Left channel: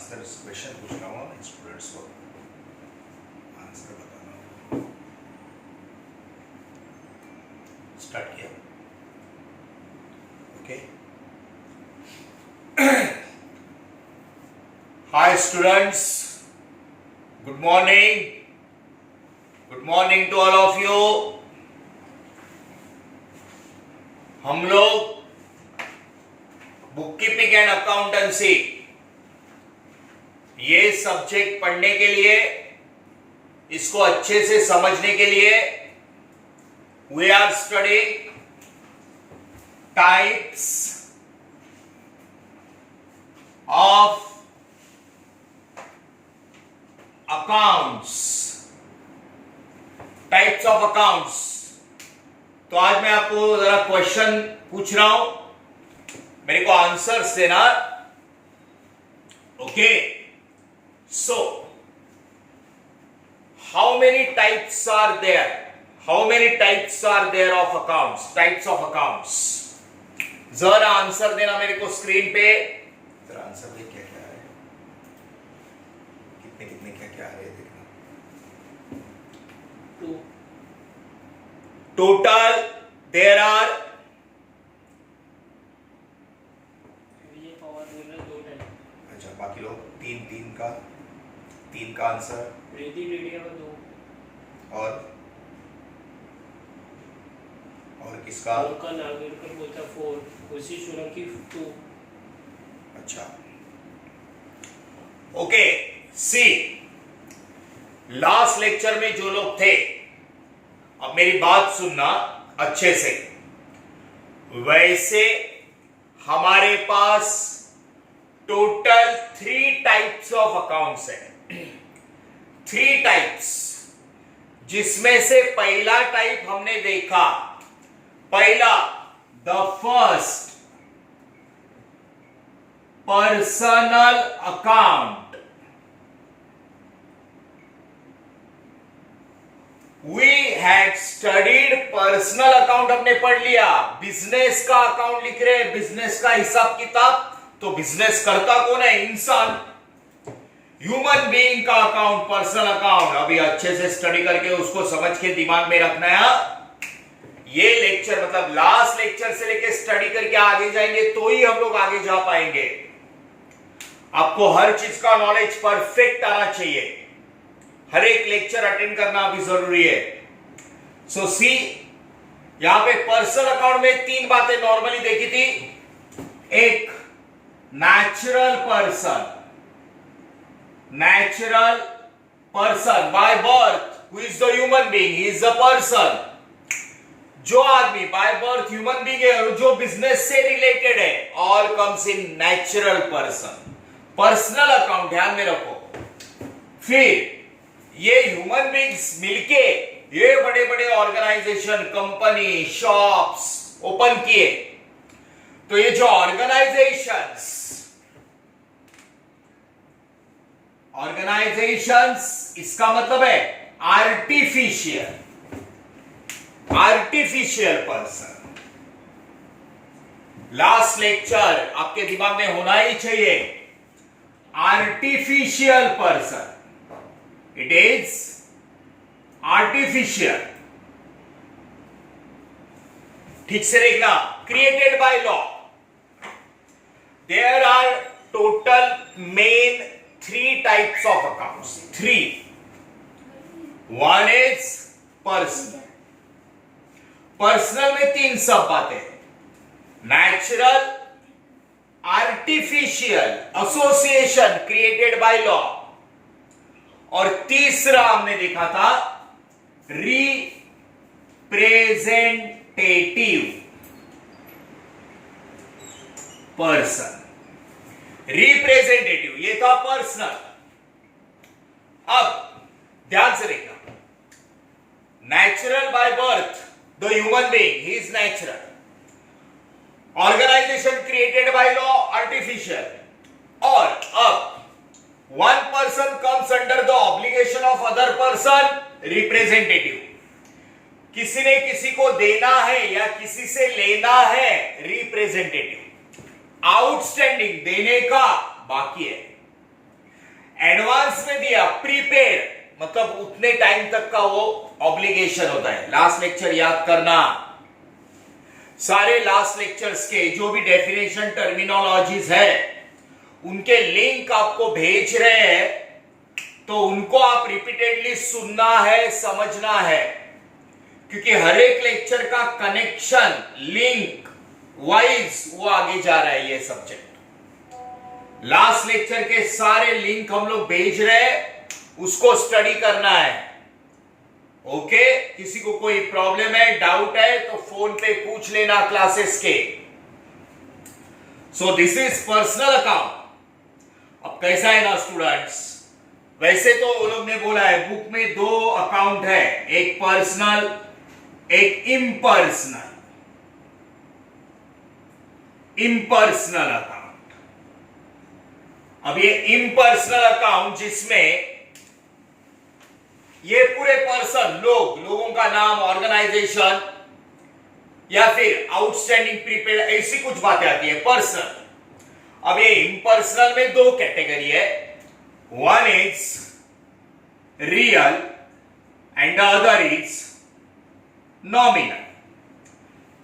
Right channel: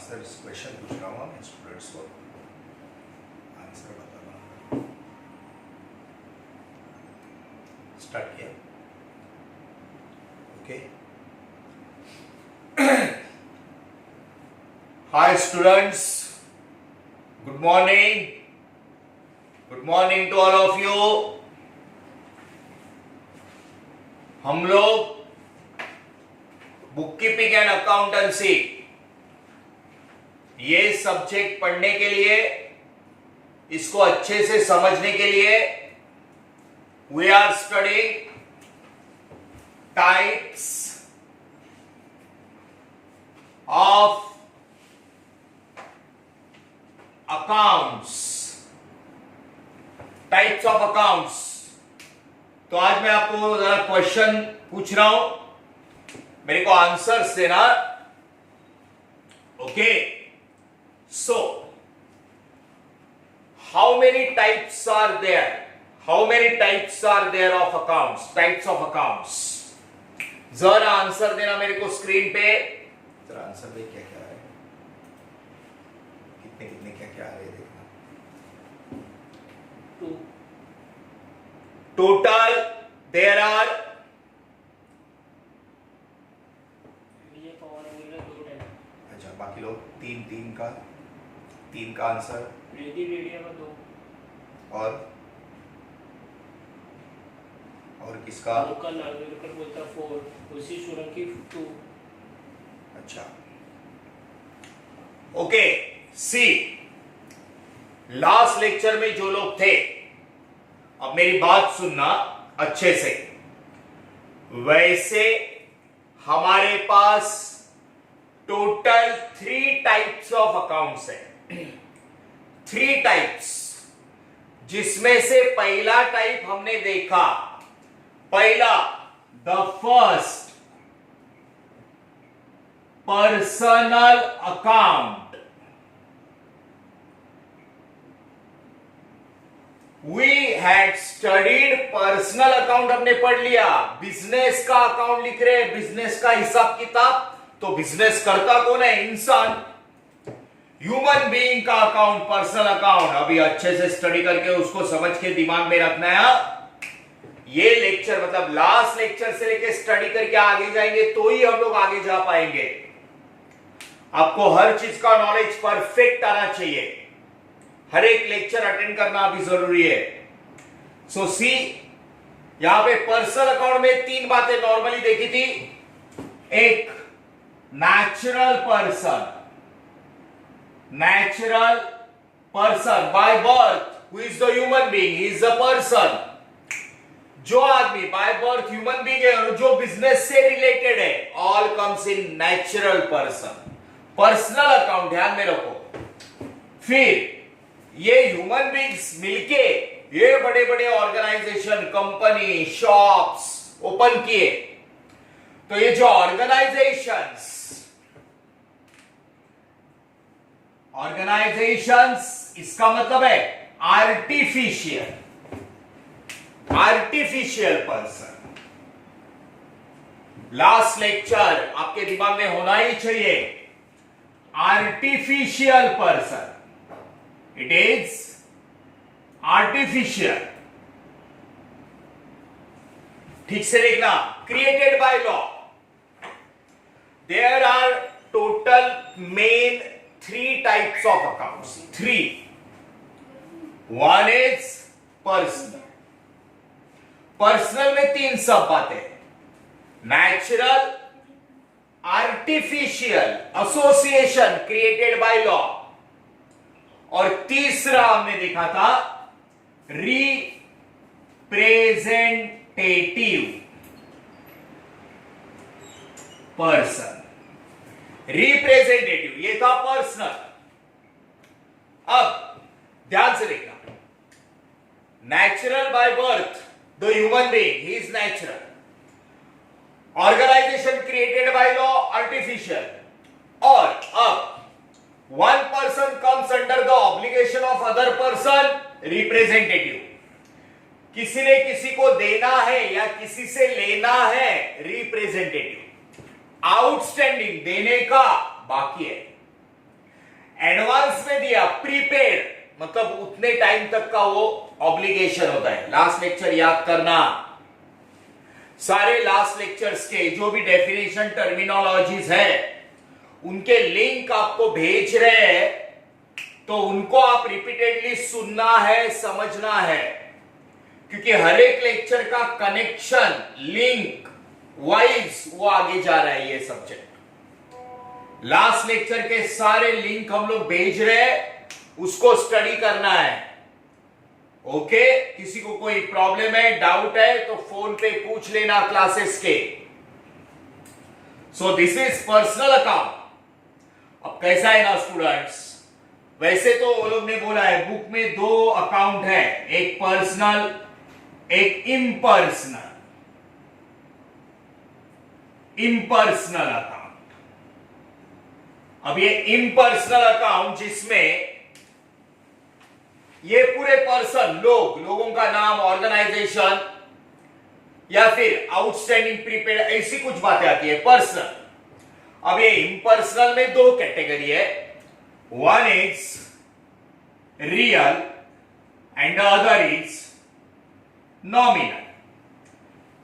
Answer question पूछ रहा हूँ मैं स्टूडेंट्स को, आंसर बताना। स्टार्ट किया, okay. Hi students, good morning to all of you. हम लोग बुक कीपिंग एंड अकाउंटेंसी ये सब्जेक्ट पढ़ने के लिए, इसको अच्छे से समझने के लिए we are studying types of accounts. Types of accounts. तो आज मैं आपको जरा क्वेश्चन पूछ रहा हूं, मेरे को आंसर्स देना, okay. So how many types are there? How many types are there of accounts? Types of accounts. जरा आंसर देना मेरे को स्क्रीन पे। जरा आंसर दे, क्या क्या है, कितने कितने क्या क्या आ रहे हैं देखना। टोटल देयर आर अच्छा, बाकी लोग तीन का आंसर। और किसका? बोलता 4, उसी सोलंकी 2। अच्छा, ओके। सी, लास्ट लेक्चर में जो लोग थे, अब मेरी बात सुनना अच्छे से। वैसे हमारे पास टोटल 3 टाइप्स ऑफ अकाउंट्स है। 3 टाइप्स, जिसमें से पहला टाइप हमने देखा, पहला the first personal account. We had studied personal account, हमने पढ़ लिया। बिजनेस का अकाउंट लिख रहे हैं, बिजनेस का हिसाब किताब, तो बिजनेस करता कौन है? इंसान, ह्यूमन बीइंग का अकाउंट, पर्सनल अकाउंट। अभी अच्छे से स्टडी करके उसको समझ के दिमाग में रखना है। ये लेक्चर मतलब लास्ट लेक्चर से लेके स्टडी करके आगे जाएंगे तो ही हम लोग आगे जा पाएंगे। आपको हर चीज का नॉलेज परफेक्ट आना चाहिए। हर एक लेक्चर अटेंड करना अभी जरूरी है। सो सी, यहां पे पर्सनल अकाउंट में 3 बातें नॉर्मली देखी थी। एक, natural person by birth, who is the human being, he is the person. जो आदमी बाय बर्थ ह्यूमन बीइंग है और जो बिजनेस से रिलेटेड है, all comes in natural person. Personal account ध्यान में रखो। फिर ये ह्यूमन बीइंग्स मिलके ये बड़े बड़े ऑर्गेनाइजेशन, कंपनी, शॉप्स ओपन किए, तो ये जो ऑर्गेनाइजेशंस इसका मतलब है आर्टिफिशियल पर्सन। लास्ट लेक्चर आपके दिमाग में होना ही चाहिए। Artificial person, it is artificial. ठीक से देखना। Created by law. There are total main 3 types of accounts. 3। One is personal. Personal में 3 सब बातें, natural, artificial, association created by law, और तीसरा हमने देखा था रिप्रेजेंटेटिव पर्सन। रिप्रेजेंटेटिव ये था पर्सनल। अब ध्यान से देखना, natural by birth the human being, he is natural. Organisation created by law, artificial. और अब one person comes under the obligation of other person, representative. किसी ने किसी को देना है या किसी से लेना है, रिप्रेजेंटेटिव। आउटस्टैंडिंग देने का बाकी है, एडवांस में दिया प्रीपेड, मतलब उतने टाइम तक का वो ऑब्लिगेशन होता है। लास्ट लेक्चर याद करना, सारे लास्ट लेक्चर्स के जो भी डेफिनेशन टर्मिनोलॉजीज है उनके लिंक आपको भेज रहे हैं, तो उनको आप रिपीटेडली सुनना है, समझना है, क्योंकि हर एक लेक्चर का कनेक्शन लिंक वाइज वो आगे जा रहा है। ये सब्जेक्ट लास्ट लेक्चर के सारे लिंक हम लोग भेज रहे हैं, उसको स्टडी करना है। ओके, किसी को कोई प्रॉब्लम है, डाउट है तो फोन पे पूछ लेना क्लासेस के। So this is personal account. अब कैसा है ना स्टूडेंट्स, वैसे तो वो लोग ने बोला है बुक में दो अकाउंट है, एक पर्सनल एक इम्पर्सनल। इम्पर्सनल अकाउंट, अब ये इम्पर्सनल अकाउंट जिसमें ये पूरे पर्सन लोगों का नाम, ऑर्गेनाइजेशन या फिर आउटस्टैंडिंग प्रीपेड, ऐसी कुछ बातें आती है पर्सनल। अब ये इम्पर्सनल में दो कैटेगरी है, one is real and the other is nominal.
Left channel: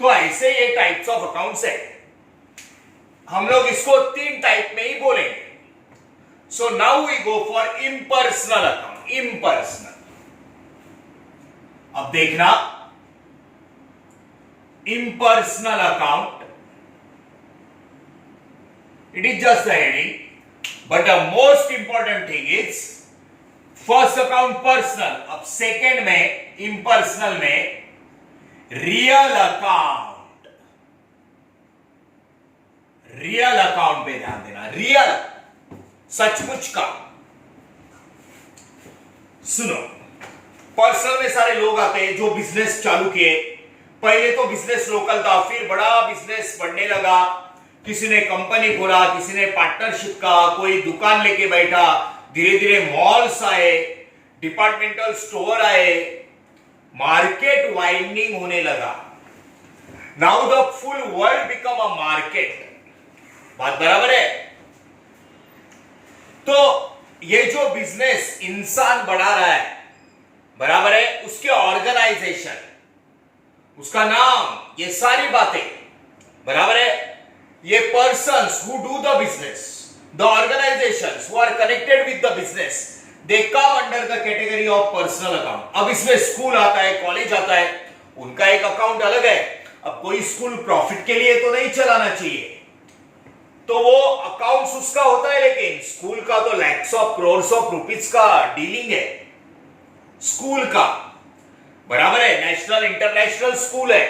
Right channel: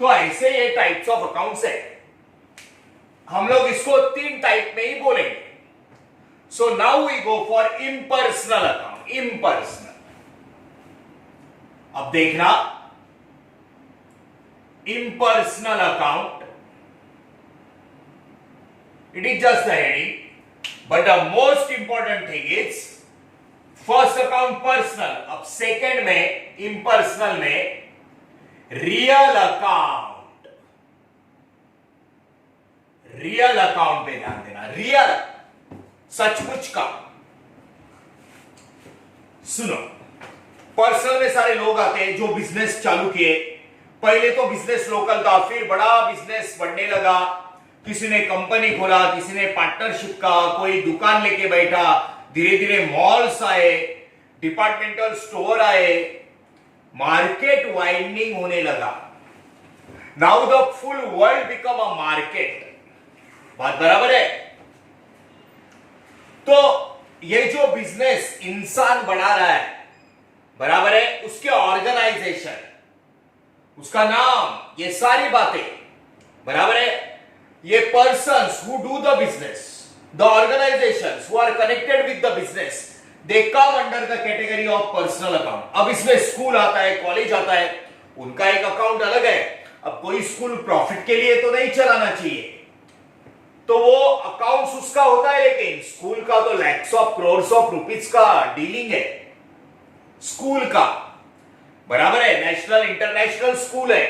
तो ऐसे ये टाइप्स ऑफ अकाउंट्स है, हम लोग इसको तीन टाइप में ही बोलेंगे। So now we go for impersonal account. Impersonal, अब देखना, impersonal account, it is just the heading, but the most important thing is first account personal, अब second में impersonal में real account। रियल अकाउंट पे ध्यान देना, रियल सचमुच का। सुनो, पर्सनल में सारे लोग आते हैं जो बिजनेस चालू किए। पहले तो बिजनेस लोकल था, फिर बड़ा बिजनेस बढ़ने लगा, किसी ने कंपनी खोला, किसी ने पार्टनरशिप का, कोई दुकान लेके बैठा, धीरे धीरे मॉल्स आए, डिपार्टमेंटल स्टोर आए, मार्केट वाइडनिंग होने लगा। Now the full world become a market. बात बराबर है? तो ये जो बिजनेस इंसान बढ़ा रहा है, बराबर है, उसके ऑर्गेनाइजेशन, उसका नाम, ये सारी बातें, बराबर है, ये persons who do the business, the organisations who are connected with the business, they come under the category of personal account. अब इसमें स्कूल आता है, कॉलेज आता है, उनका एक अकाउंट अलग है। अब कोई स्कूल प्रॉफिट के लिए तो नहीं चलाना चाहिए, तो वो अकाउंट्स उसका होता है, लेकिन स्कूल का तो lakhs of crores of rupees का डीलिंग है स्कूल का, बराबर है, नेशनल इंटरनेशनल स्कूल है,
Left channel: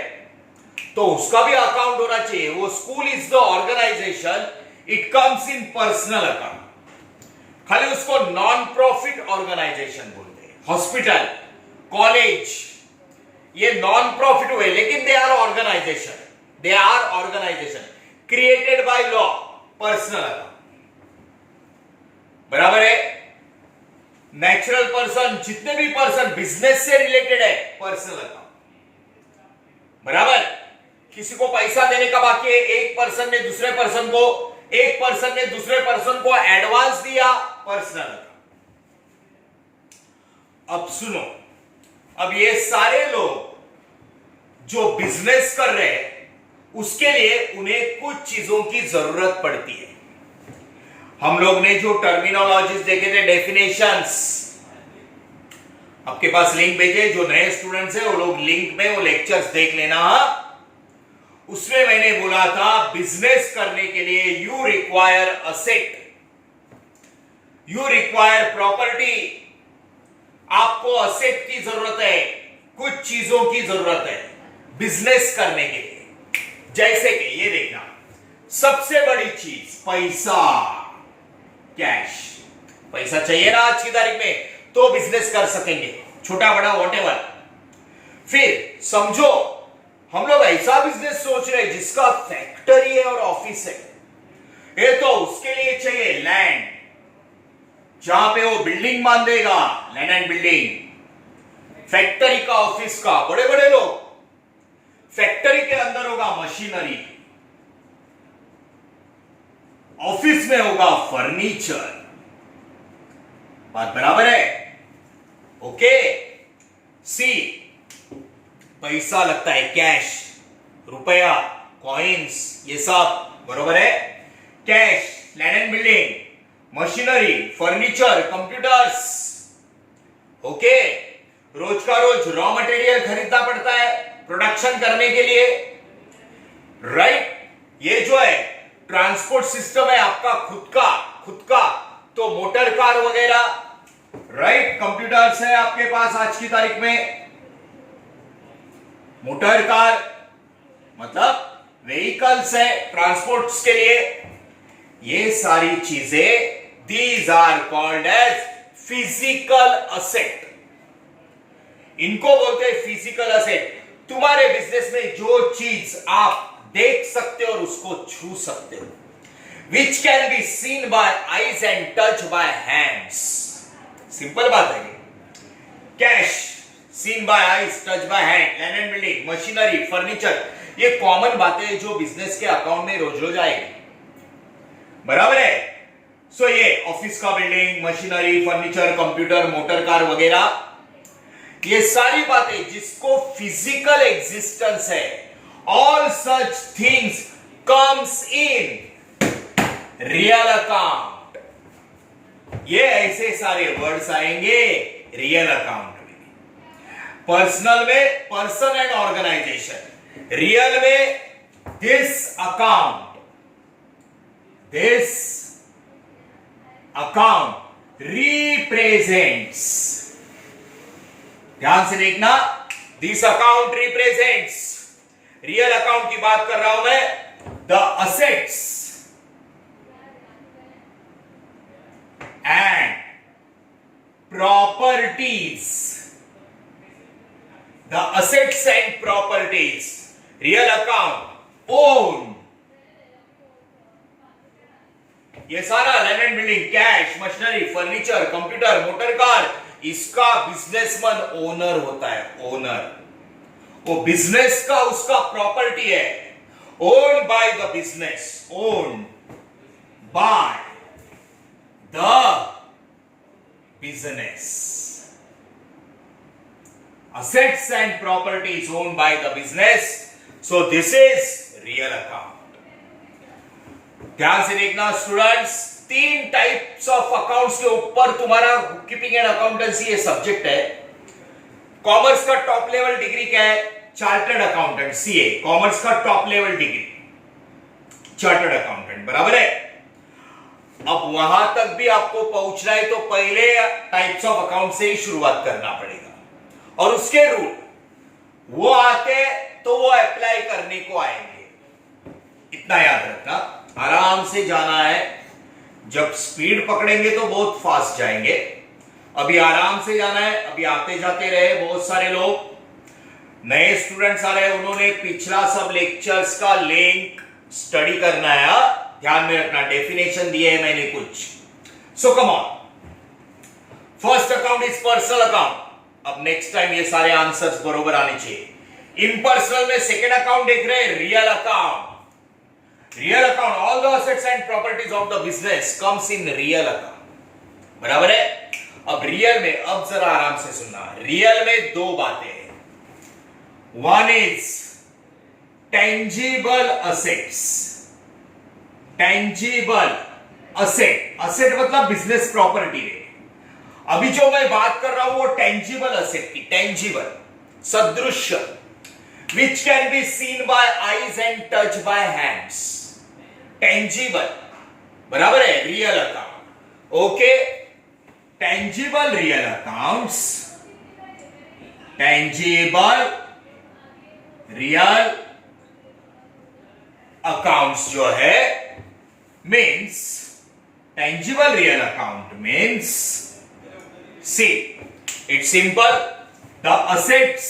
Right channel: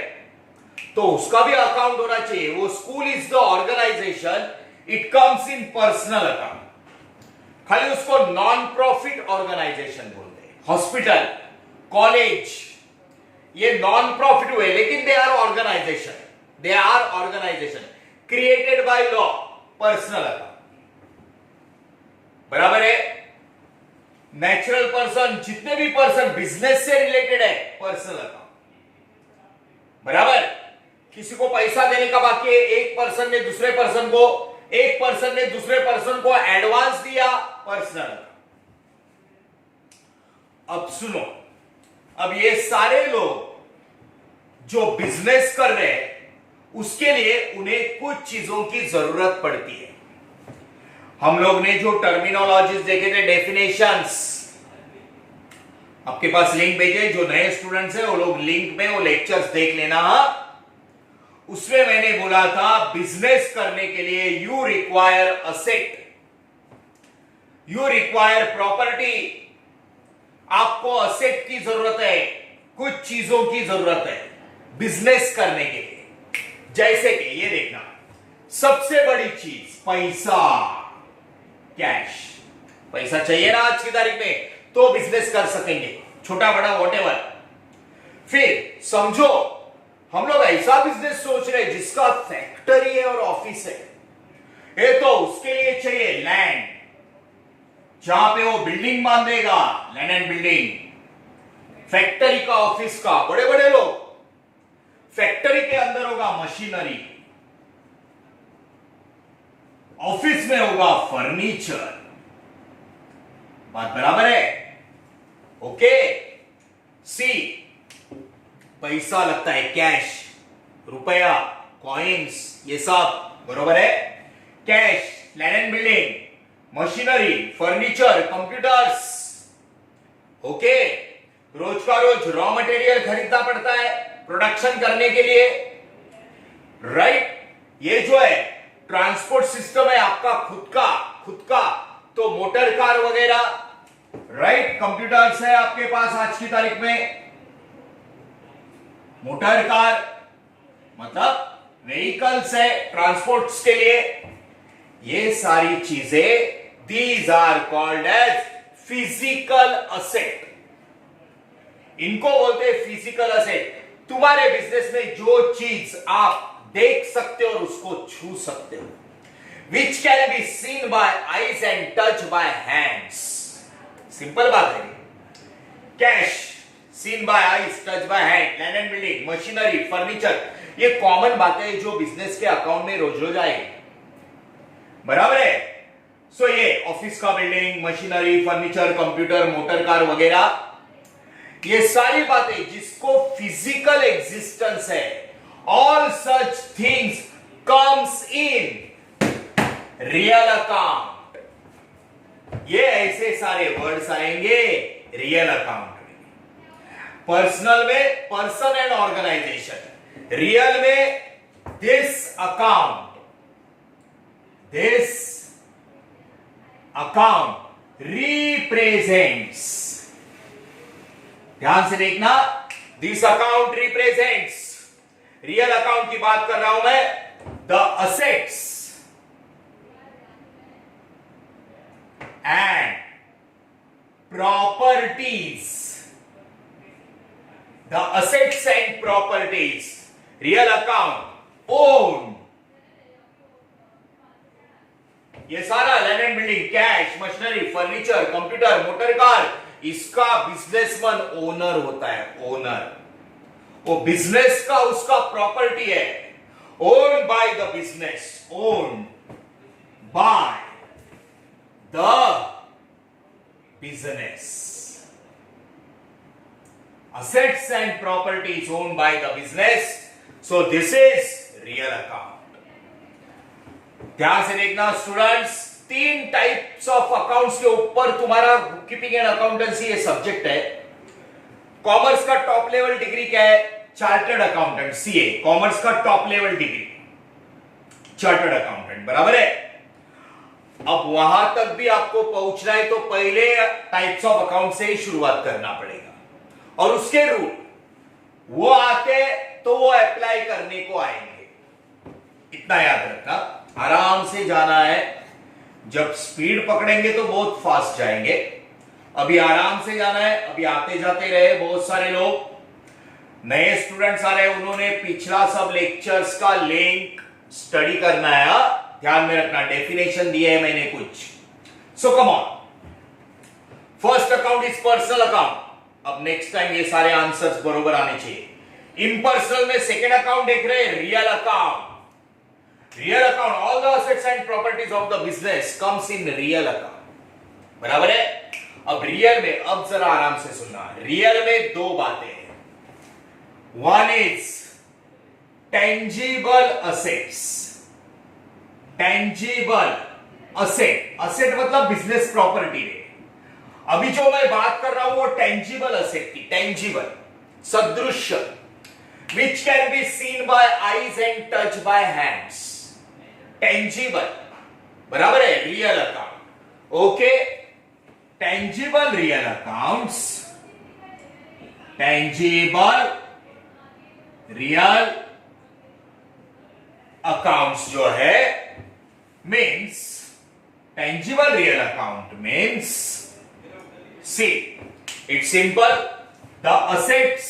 तो उसका भी अकाउंट होना चाहिए। वो school is the organisation, it comes in personal account. खाली उसको नॉन प्रॉफिट ऑर्गेनाइजेशन बोलते हैं। हॉस्पिटल, कॉलेज, ये नॉन प्रॉफिट हुए, लेकिन they are organisation, they are organisation created by law, personal account, बराबर है। नेचुरल पर्सन, जितने भी पर्सन बिजनेस से रिलेटेड है, पर्सनल अकाउंट, बराबर। किसी को पैसा देने का बाकी है, एक पर्सन ने दूसरे पर्सन को, एक पर्सन ने दूसरे पर्सन को एडवांस दिया, पर्सनल अकाउंट। अब सुनो, अब ये सारे लोग जो बिजनेस कर रहे हैं, उसके लिए उन्हें कुछ चीजों की जरूरत पड़ती है। हम लोग ने जो टर्मिनोलॉजीज देखे थे, डेफिनेशंस, आपके पास लिंक भेजे, जो नए स्टूडेंट्स हैं वो लोग लिंक में वो लेक्चर्स देख लेना। उसमें मैंने बोला था बिजनेस करने के लिए you require asset, you require property. आपको असेट की जरूरत है, कुछ चीजों की जरूरत है बिजनेस करने के लिए। जैसे कि ये देखना, सबसे बड़ी चीज पैसा, कैश। पैसा चाहिए ना आज की तारीख में, तो बिजनेस कर सकेंगे, छोटा बड़ा व्हाटएवर। फिर समझो, हम लोग ऐसा बिजनेस सोच रहे हैं जिसका फैक्ट्री है और ऑफिस है, ये तो उसके लिए चाहिए लैंड, जहां पे वो बिल्डिंग बांधेगा, लैंड एंड बिल्डिंग। फैक्ट्री का, ऑफिस का, बड़े बड़े लोग, फैक्ट्री के अंदर होगा मशीनरी, ऑफिस में होगा फर्नीचर, बात बराबर है? ओके। सी, पैसा लगता है, कैश, रुपया, कॉइन्स, ये सब बरोबर है। Cash, land and building, machinery, furniture, computers. Okay. रोज का रोज रॉ मटेरियल खरीदना पड़ता है प्रोडक्शन करने के लिए, राइट? ये जो है ट्रांसपोर्ट सिस्टम है आपका खुद का, तो मोटर कार वगैरह, राइट? कंप्यूटर्स है आपके पास आज की तारीख में। मोटर कार मतलब व्हीकल्स है ट्रांसपोर्ट्स के लिए। ये सारी चीजें these are called as physical asset. इनको बोलते हैं फिजिकल असेट। तुम्हारे बिजनेस में जो चीज आप देख सकते हो और उसको छू सकते हो, which can be seen by eyes and touch by hands. Simple बात है। Cash, seen by eyes, touch by hand, land and building, machinery, furniture, ये कॉमन बातें जो बिजनेस के अकाउंट में रोज रोज आएगी, बराबर है? सो ये ऑफिस का building, machinery, furniture, computer, motor car वगैरह, ये सारी बातें जिसको फिजिकल एग्जिस्टेंस है, all such things comes in real account. ये ऐसे सारे वर्ड्स आएंगे रियल अकाउंट में। पर्सनल में पर्सन एंड ऑर्गेनाइजेशन, रियल में दिस अकाउंट रिप्रेजेंट्स। ध्यान से देखना, this account represents, real account की बात कर रहा हूं मैं, the assets and properties, the assets and properties, real account own. ये सारा land and building, cash, machinery, furniture, computer, motor car, इसका बिजनेसमैन ओनर होता है, ओनर। वो बिजनेस का उसका प्रॉपर्टी है, own by the business, own by the business. Assets and properties owned by the business. So this is real account. ध्यान से देखना स्टूडेंट्स, 3 टाइप्स ऑफ अकाउंट्स के ऊपर तुम्हारा बुक कीपिंग एंड अकाउंटेंसी ये सब्जेक्ट है। कॉमर्स का टॉप लेवल डिग्री क्या है? Chartered accountant, CA. कॉमर्स का top level degree chartered accountant, बराबर है? अब वहां तक भी आपको पहुंचना है तो पहले टाइप्स ऑफ अकाउंट से ही शुरुआत करना पड़ेगा, और उसके रूल वो आते तो वो अप्लाई करने को आएंगे। इतना याद रखना, आराम से जाना है। जब स्पीड पकड़ेंगे तो बहुत फास्ट जाएंगे, अभी आराम से जाना है। अभी आते जाते रहे बहुत सारे लोग, नए स्टूडेंट्स आ रहे हैं, उन्होंने पिछला सब लेक्चर्स का लिंक स्टडी करना है। ध्यान में रखना, डेफिनेशन दिए है मैंने कुछ। So come on, first account is personal account. अब नेक्स्ट टाइम ये सारे आंसर्स बरोबर आने चाहिए। इम्पर्सनल में सेकेंड अकाउंट देख रहे हैं, real account. Real account, all the assets and properties of the business comes in real account, बराबर है? अब रियल में, अब जरा आराम से सुनना, रियल में 2 बातें हैं। One is tangible assets, tangible asset, asset मतलब बिजनेस प्रॉपर्टी है। अभी जो मैं बात कर रहा हूं वो टेंजिबल असेट की, टेंजिबल, सदृश्य, which can be seen by eyes and touch by hands. Tangible, बराबर है? Real account, okay? Tangible real accounts, tangible real accounts जो है means, tangible real account means, see, it's simple, the assets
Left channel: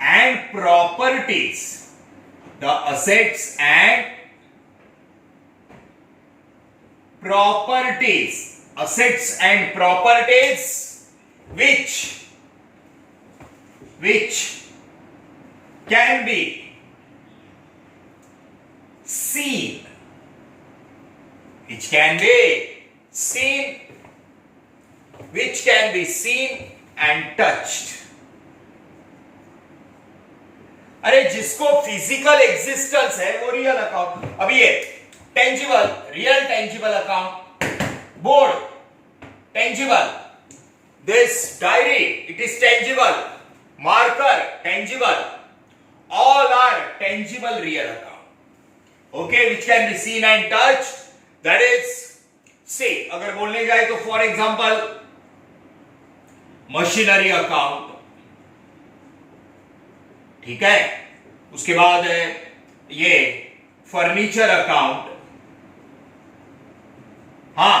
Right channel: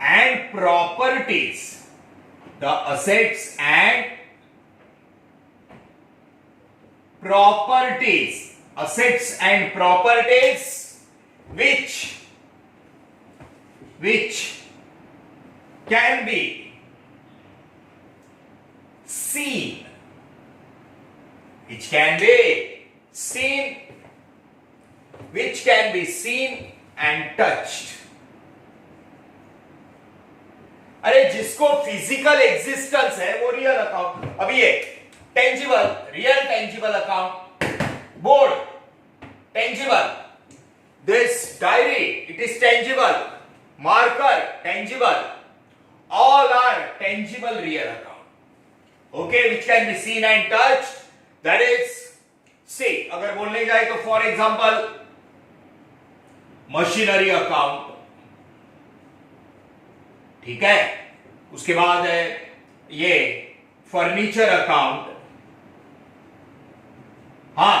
and properties, the assets and properties, assets and properties which can be seen, which can be seen, which can be seen and touched. अरे जिसको physical existence है वो real account. अब ये tangible, real tangible account, board tangible, this diary it is tangible, marker tangible, all are tangible real account, okay, which can be seen and touched. That is, say अगर बोलने जाए तो for example machinery account, ठीक है, उसके बाद है ये फर्नीचर अकाउंट. हां,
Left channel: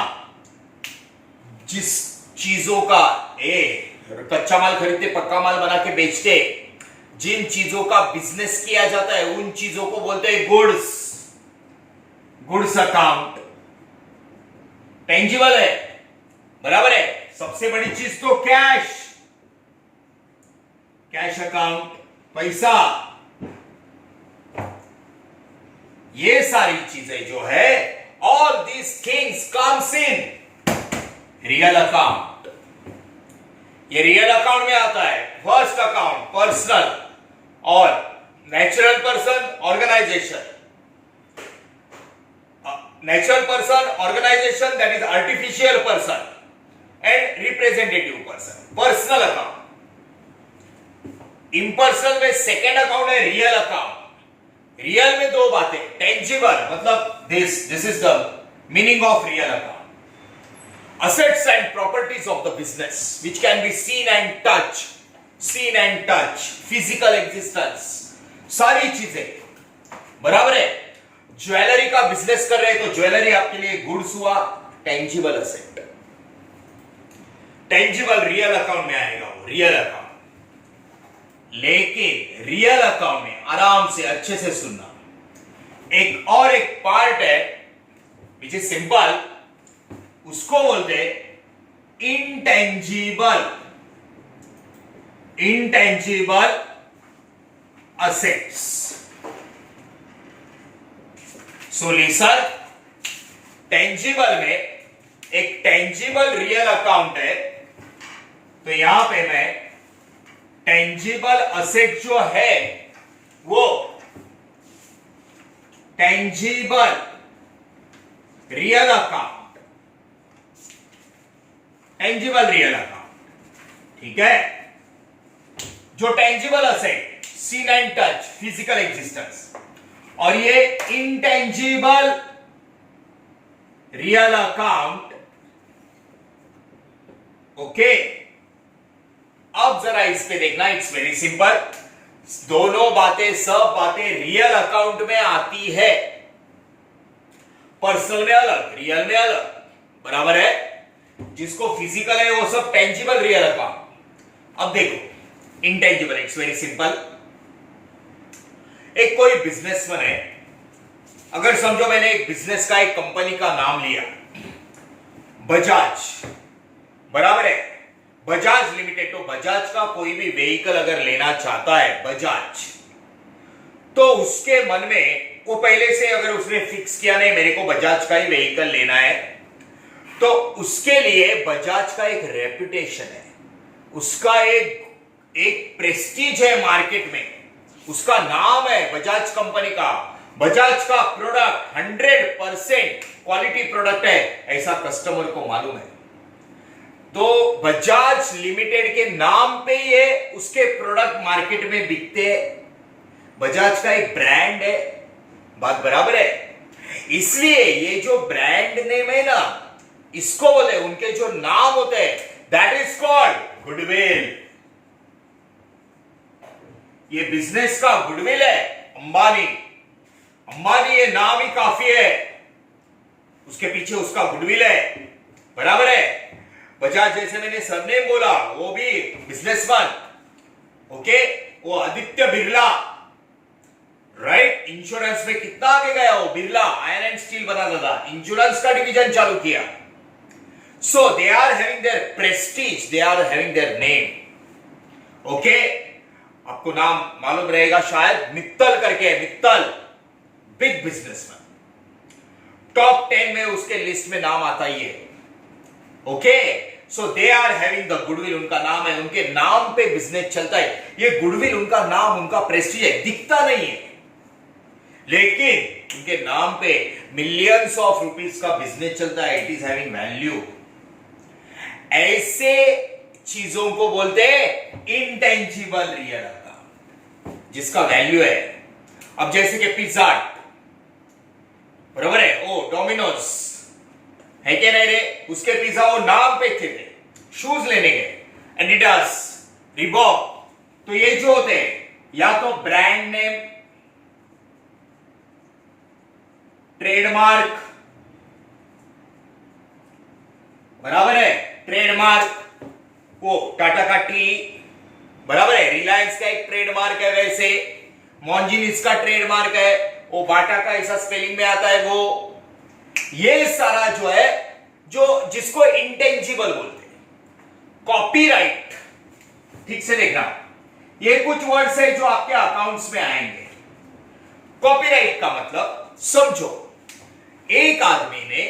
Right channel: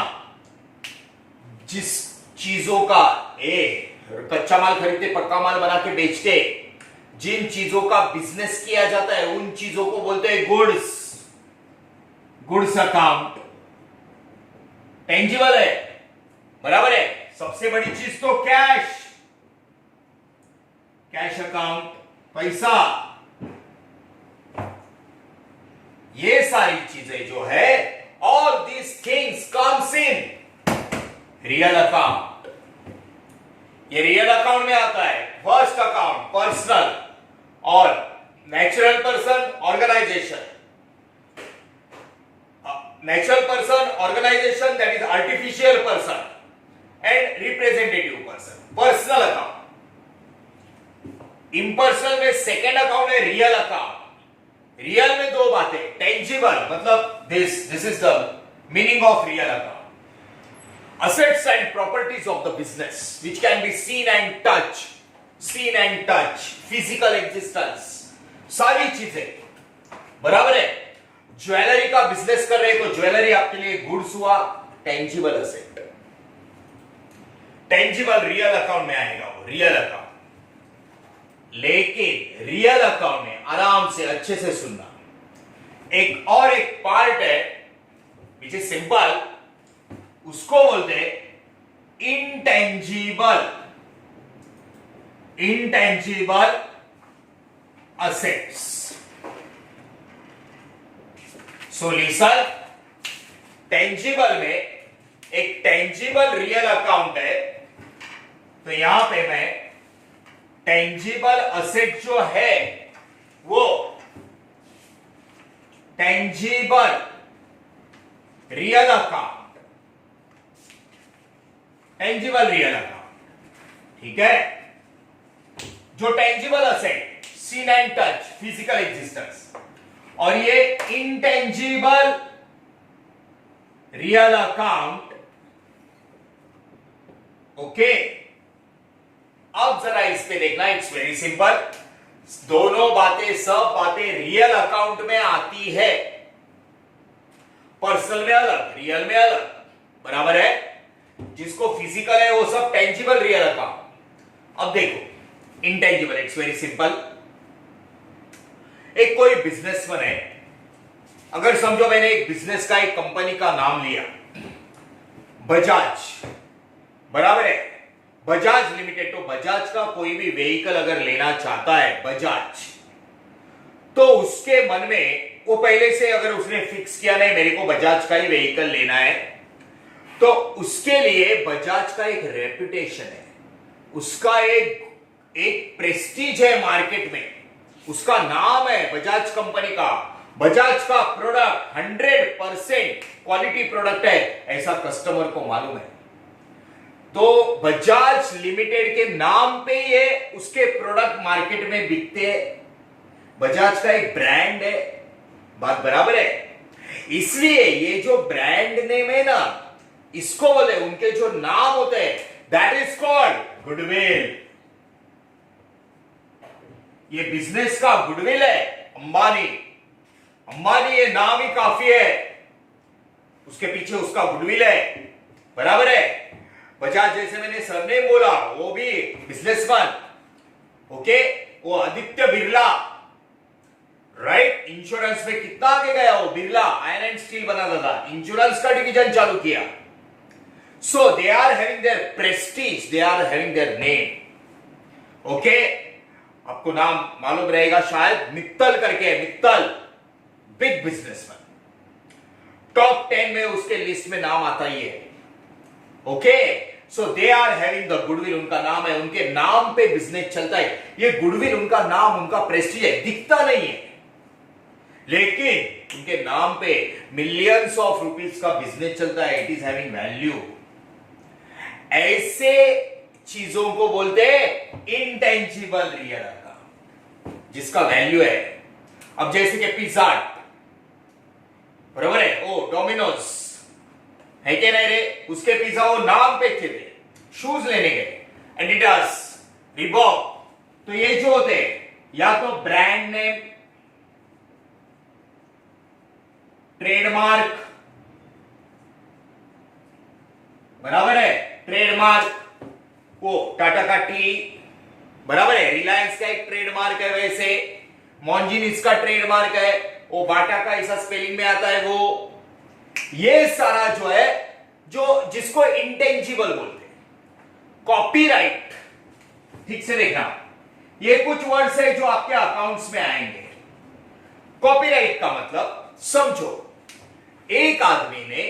जिस चीजों का कच्चा माल खरीदते पक्का माल बना के बेचते, जिन चीजों का बिजनेस किया जाता है उन चीजों को बोलते हैं गुड्स. गुड्स अकाउंट टेंजिबल है, बराबर है. सबसे बड़ी चीज तो कैश, कैश अकाउंट, पैसा. ये सारी चीजें जो है, all these things comes in real account. ये रियल अकाउंट में आता है. फर्स्ट अकाउंट पर्सनल और natural person organisation. Natural person organisation, that is artificial person and representative person. Personal account. Impersonal में सेकेंड अकाउंट है रियल अकाउंट. रियल में दो बातें, टेंजिबल मतलब this is the meaning of real account. Assets and properties of the business which can be seen and touch, physical existence, सारी चीजें, बराबर है. ज्वेलरी का बिजनेस कर रहे हैं तो ज्वेलरी आपके लिए गुड्स हुआ, tangible asset. Tangible real account में आएगा वो, रियल अकाउंट. लेकिन रियल अकाउंट में आराम से अच्छे से सुनना, एक और एक पार्ट है विच इज सिंपल, उसको बोलते intangible, intangible assets. So listen, tangible में एक टेंजिबल रियल अकाउंट है, तो यहां पे मैं टेंजिबल असेट जो है वो tangible real account, tangible real account, ठीक है. जो tangible asset, seen and touch, physical existence, और ये इंटेंजिबल रियल अकाउंट, ओके. अब जरा इस पे देखना, इट्स वेरी सिंपल. दोनों बातें, सब बातें रियल अकाउंट में आती है. पर्सनल में अलग, रियल में अलग, बराबर है. जिसको फिजिकल है वो सब टेंजिबल रियल अकाउंट. अब देखो इंटेंजिबल, इट्स वेरी सिंपल. एक कोई बिजनेसमैन है, अगर समझो मैंने एक बिजनेस का, एक कंपनी का नाम लिया, बजाज, बराबर है. बजाज लिमिटेड. तो बजाज का कोई भी व्हीकल अगर लेना चाहता है बजाज, तो उसके मन में वो पहले से अगर उसने फिक्स किया नहीं मेरे को बजाज का ही व्हीकल लेना है, तो उसके लिए बजाज का एक रेपुटेशन है, उसका एक प्रेस्टीज है मार्केट में, उसका नाम है बजाज कंपनी का. बजाज का प्रोडक्ट 100% क्वालिटी प्रोडक्ट है, ऐसा कस्टमर को मालूम है. तो बजाज लिमिटेड के नाम पे ये उसके प्रोडक्ट मार्केट में बिकते हैं. बजाज का एक ब्रांड है, बात बराबर है. इसलिए ये जो ब्रांड नेम है ना, इसको बोले, उनके जो नाम होते हैं, दैट इज कॉल्ड गुडविल. ये बिजनेस का गुडविल है. अंबानी, अंबानी ये नाम ही काफी है, उसके पीछे उसका गुडविल है, बराबर है. बजाज जैसे मैंने सरनेम बोला, वो भी बिजनेसमैन, ओके. वो आदित्य बिरला, राइट. इंश्योरेंस में कितना आगे गया वो बिरला, आयरन एंड स्टील बनाता था, इंश्योरेंस का डिवीजन चालू किया. So they are having their prestige, they are having their name, okay. आपको नाम मालूम रहेगा शायद, मित्तल करके, मित्तल, बिग बिजनेसमैन. टॉप 10 में उसके लिस्ट में नाम आता ही है. Okay, so they are having the goodwill, उनका नाम है, उनके नाम पे बिजनेस चलता है। ये गुडविल, उनका नाम, उनका प्रेस्टीज है, दिखता नहीं है, लेकिन उनके नाम पे मिलियंस ऑफ रुपीस का बिजनेस चलता है। It is having value. ऐसे चीजों को बोलते हैं इंटेंजिबल रियल अकाउंट, जिसका वैल्यू है। अब जैसे कि पिज्जा हट, बरोबर है, ओ डोमिनोज है क्या नहीं रे, उसके पिज्जा वो नाम पे थे, शूज लेने गए, एडिडास, रिबॉक, तो ये जो होते या तो ब्रांड नेम, ट्रेडमार्क, बराबर है, ट्रेडमार्क, वो टाटा का टी, बराबर है, रिलायंस का एक ट्रेडमार्क है, वैसे मॉन्जिनिस का ट्रेडमार्क है, वो बाटा का ऐसा स्पेलिंग में आता है, वो ये सारा जो है, जो जिसको इंटेंजिबल बोलते हैं। कॉपीराइट, ठीक से देखना, ये कुछ वर्ड्स है जो आपके अकाउंट्स में आएंगे। कॉपीराइट का मतलब समझो, एक आदमी ने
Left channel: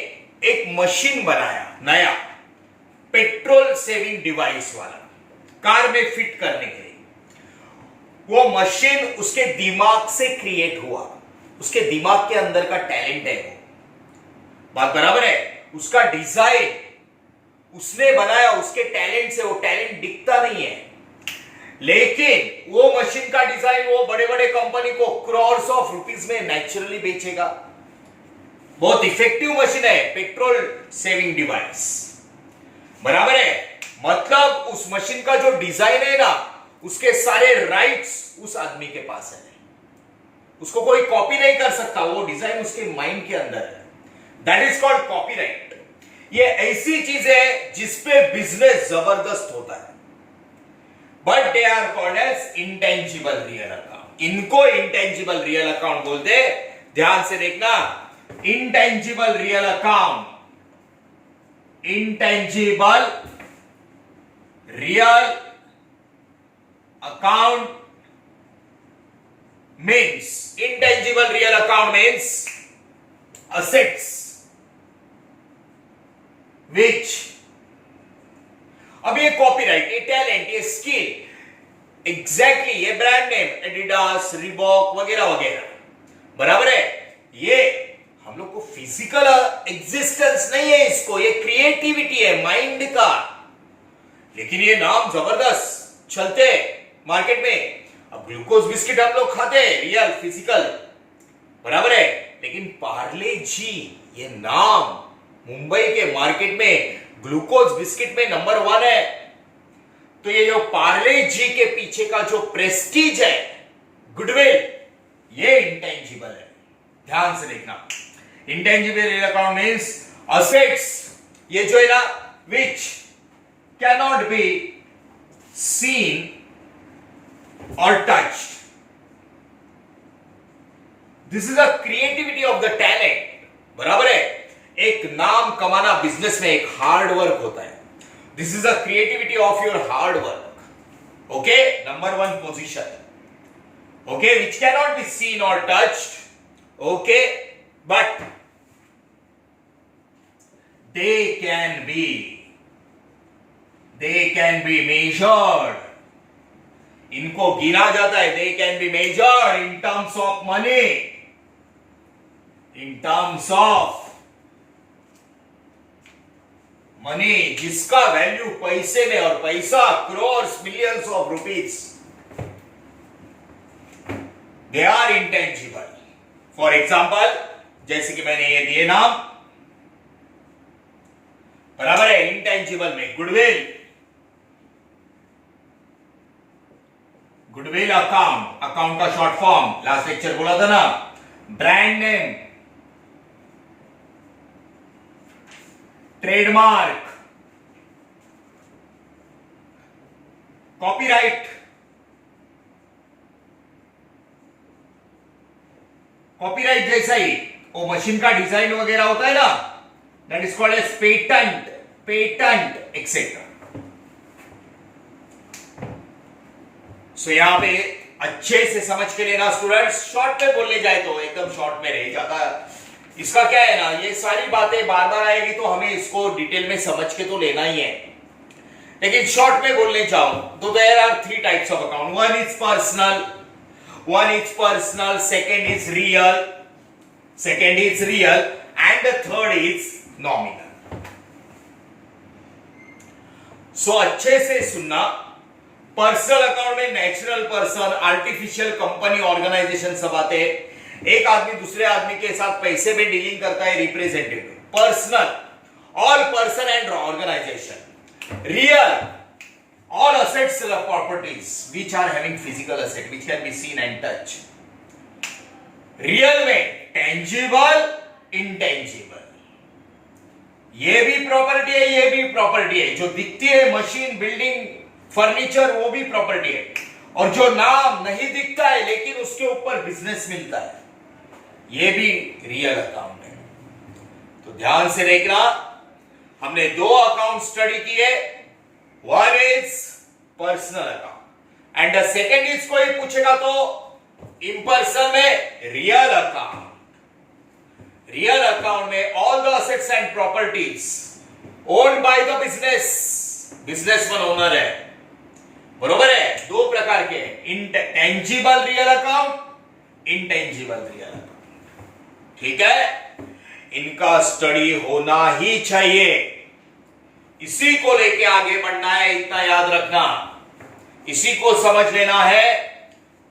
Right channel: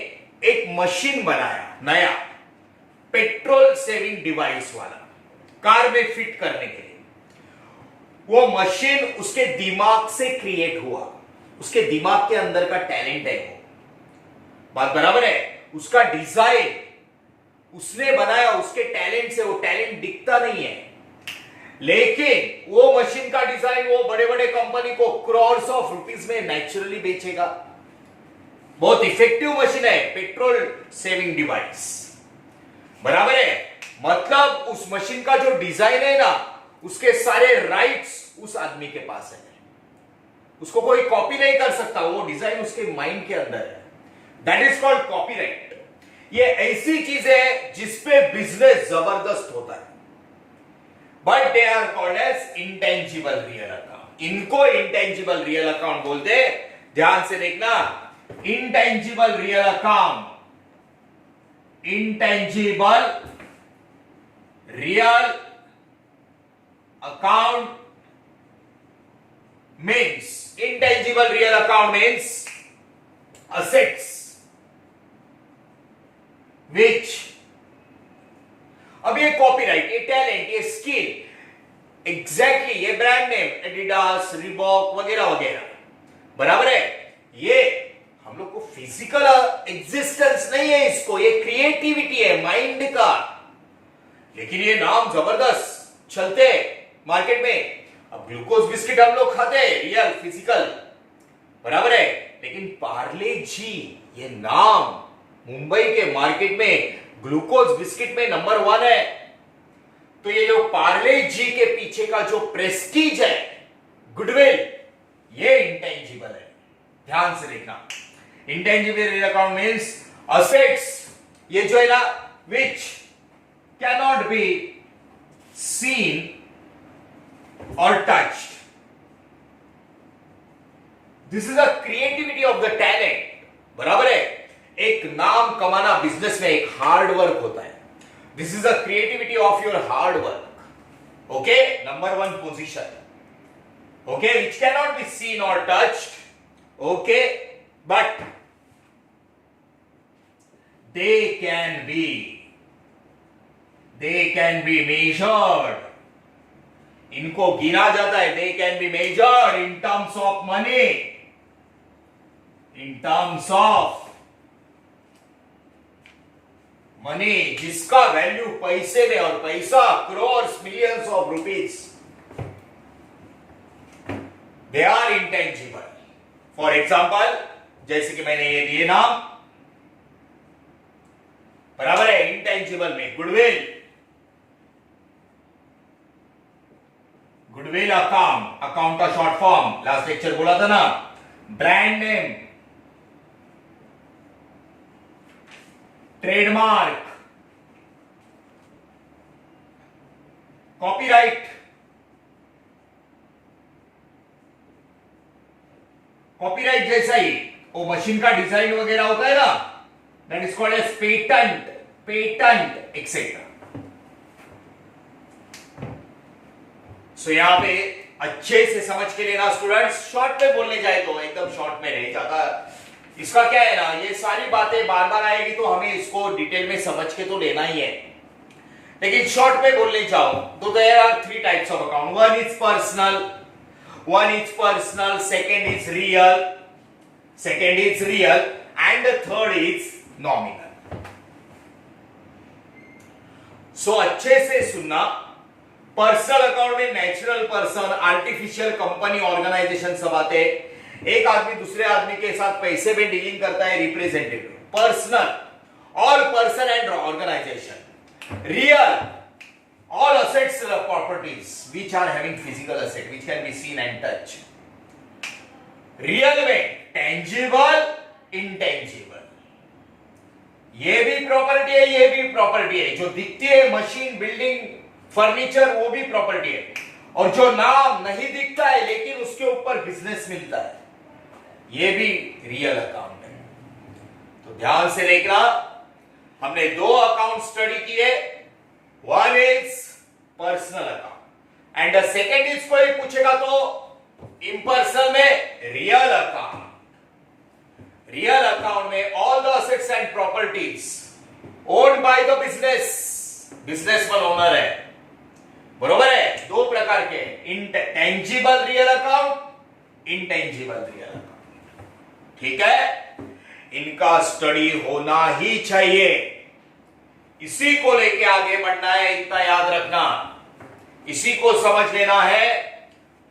एक मशीन बनाया नया, पेट्रोल सेविंग डिवाइस वाला, कार में फिट करने के लिए। वो मशीन उसके दिमाग से क्रिएट हुआ, उसके दिमाग के अंदर का टैलेंट है वो, बात बराबर है। उसका डिजाइन उसने बनाया, उसके टैलेंट से, वो टैलेंट दिखता नहीं है, लेकिन वो मशीन का डिजाइन वो बड़े बड़े कंपनी को क्रॉर्स ऑफ रुपीस में नेचुरली बेचेगा। बहुत इफेक्टिव मशीन है, पेट्रोल सेविंग डिवाइस, बराबर है। मतलब उस मशीन का जो डिजाइन है ना, उसके सारे राइट्स उस आदमी के पास है, उसको कोई कॉपी नहीं कर सकता, वो डिजाइन उसके माइंड के अंदर है। That is called copyright. ये ऐसी चीज है जिसपे बिजनेस जबरदस्त होता है, but they are called as intangible real account. इनको इंटेंजिबल रियल अकाउंट बोलते हैं। ध्यान से देखना, intangible real account, intangible real account means, intangible real account means assets which, अब ये कॉपीराइट, ये टैलेंट, ये स्किल, एग्जैक्टली ये ब्रांड नेम, एडिडास, रिबॉक वगैरह वगैरह, बराबर है। ये हम लोग को फिजिकल एग्जिस्टेंस नहीं है, इसको, ये क्रिएटिविटी है माइंड का, लेकिन ये नाम जबरदस्त चलते मार्केट में। अब ग्लूकोज बिस्किट हम लोग खाते हैं, रियल फिजिकल, बराबर है, लेकिन पार्ले जी ये नाम मुंबई के मार्केट में ग्लूकोज बिस्किट में नंबर 1 है। तो ये जो पार्ले जी के पीछे का जो प्रेस्टीज है, गुडविल, ये इंटेंजिबल है। ध्यान से देखना, intangible real account means assets, ये जो है ना, which cannot be seen or touched. This is the creativity of the talent. बराबर है। एक नाम कमाना बिजनेस में एक हार्ड वर्क होता है। This is the creativity of your hard work. Okay, number 1 position. Okay, which cannot be seen or touched. Okay, but they can be measured. इनको गिना जाता है, they can be measured in terms of money, in terms of money, जिसका value पैसे में, और पैसा crores millions of rupees, they are intangible. For example, जैसे कि मैंने ये दिए नाम, बराबर है, इंटेंजिबल में गुडविल, गुडविल अकाउंट, अकाउंट का शॉर्ट फॉर्म, लास्ट लेक्चर बोला था ना, brand name, trademark, copyright, copyright जैसा ही वो मशीन का डिजाइन वगैरह होता है ना, that is called as patent, patent etcetera. So यहां पे अच्छे से समझ के लेना स्टूडेंट्स, शॉर्ट में बोलने जाए तो एकदम शॉर्ट में रह जाता, इसका क्या है ना, ये सारी बातें बार बार आएगी तो हमें इसको डिटेल में समझ के तो लेना ही है, लेकिन शॉर्ट में बोलने चाहूं तो there are three types of account. One is personal, second is real and the third is nominal. So अच्छे से सुनना. पर्सनल अकाउंट में natural person, artificial company, organisation सब आते हैं. एक आदमी दूसरे आदमी के साथ पैसे में डीलिंग करता है, representative. Personal, all person and organisation. Real, all assets or properties which are having physical asset which can be seen and touch. Real में टेंजिबल, इंटेंजिबल. ये भी प्रॉपर्टी है, ये भी प्रॉपर्टी है. जो दिखती है मशीन, बिल्डिंग, फर्नीचर, वो भी प्रॉपर्टी है. और जो नाम नहीं दिखता है लेकिन उसके ऊपर बिजनेस मिलता है, ये भी रियल अकाउंट है. तो ध्यान से देखना. हमने दो अकाउंट स्टडी किए. One is personal account and the second is, कोई पूछेगा तो इम्पर्सनल में रियल अकाउंट. रियल अकाउंट में all the assets and properties owned by the businessman owner है. बरोबर है. दो प्रकार के, tangible real account, intangible real account. ठीक है, इनका स्टडी होना ही चाहिए. इसी को लेके आगे बढ़ना है, इतना याद रखना. इसी को समझ लेना है,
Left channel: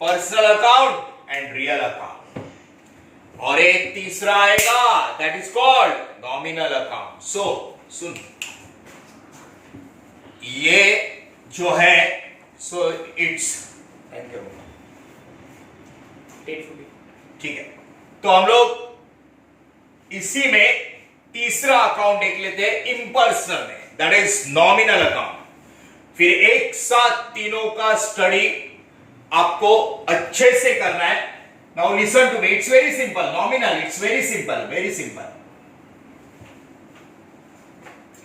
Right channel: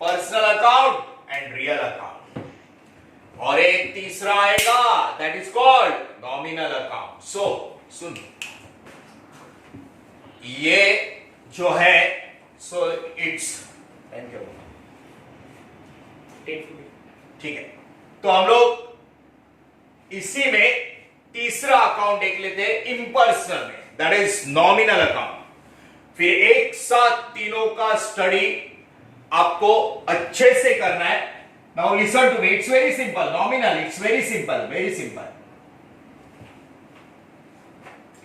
personal account and real account. और एक तीसरा आएगा, that is called nominal account. So सुन, ये जो है, सो इट्स ठीक है. तो हम लोग इसी में तीसरा अकाउंट देख लेते हैं, इम्पर्सनल में, दैट इज नॉमिनल अकाउंट. फिर एक साथ तीनों का स्टडी आपको अच्छे से करना है. Now listen to me, it's very simple. Nominal, it's very simple,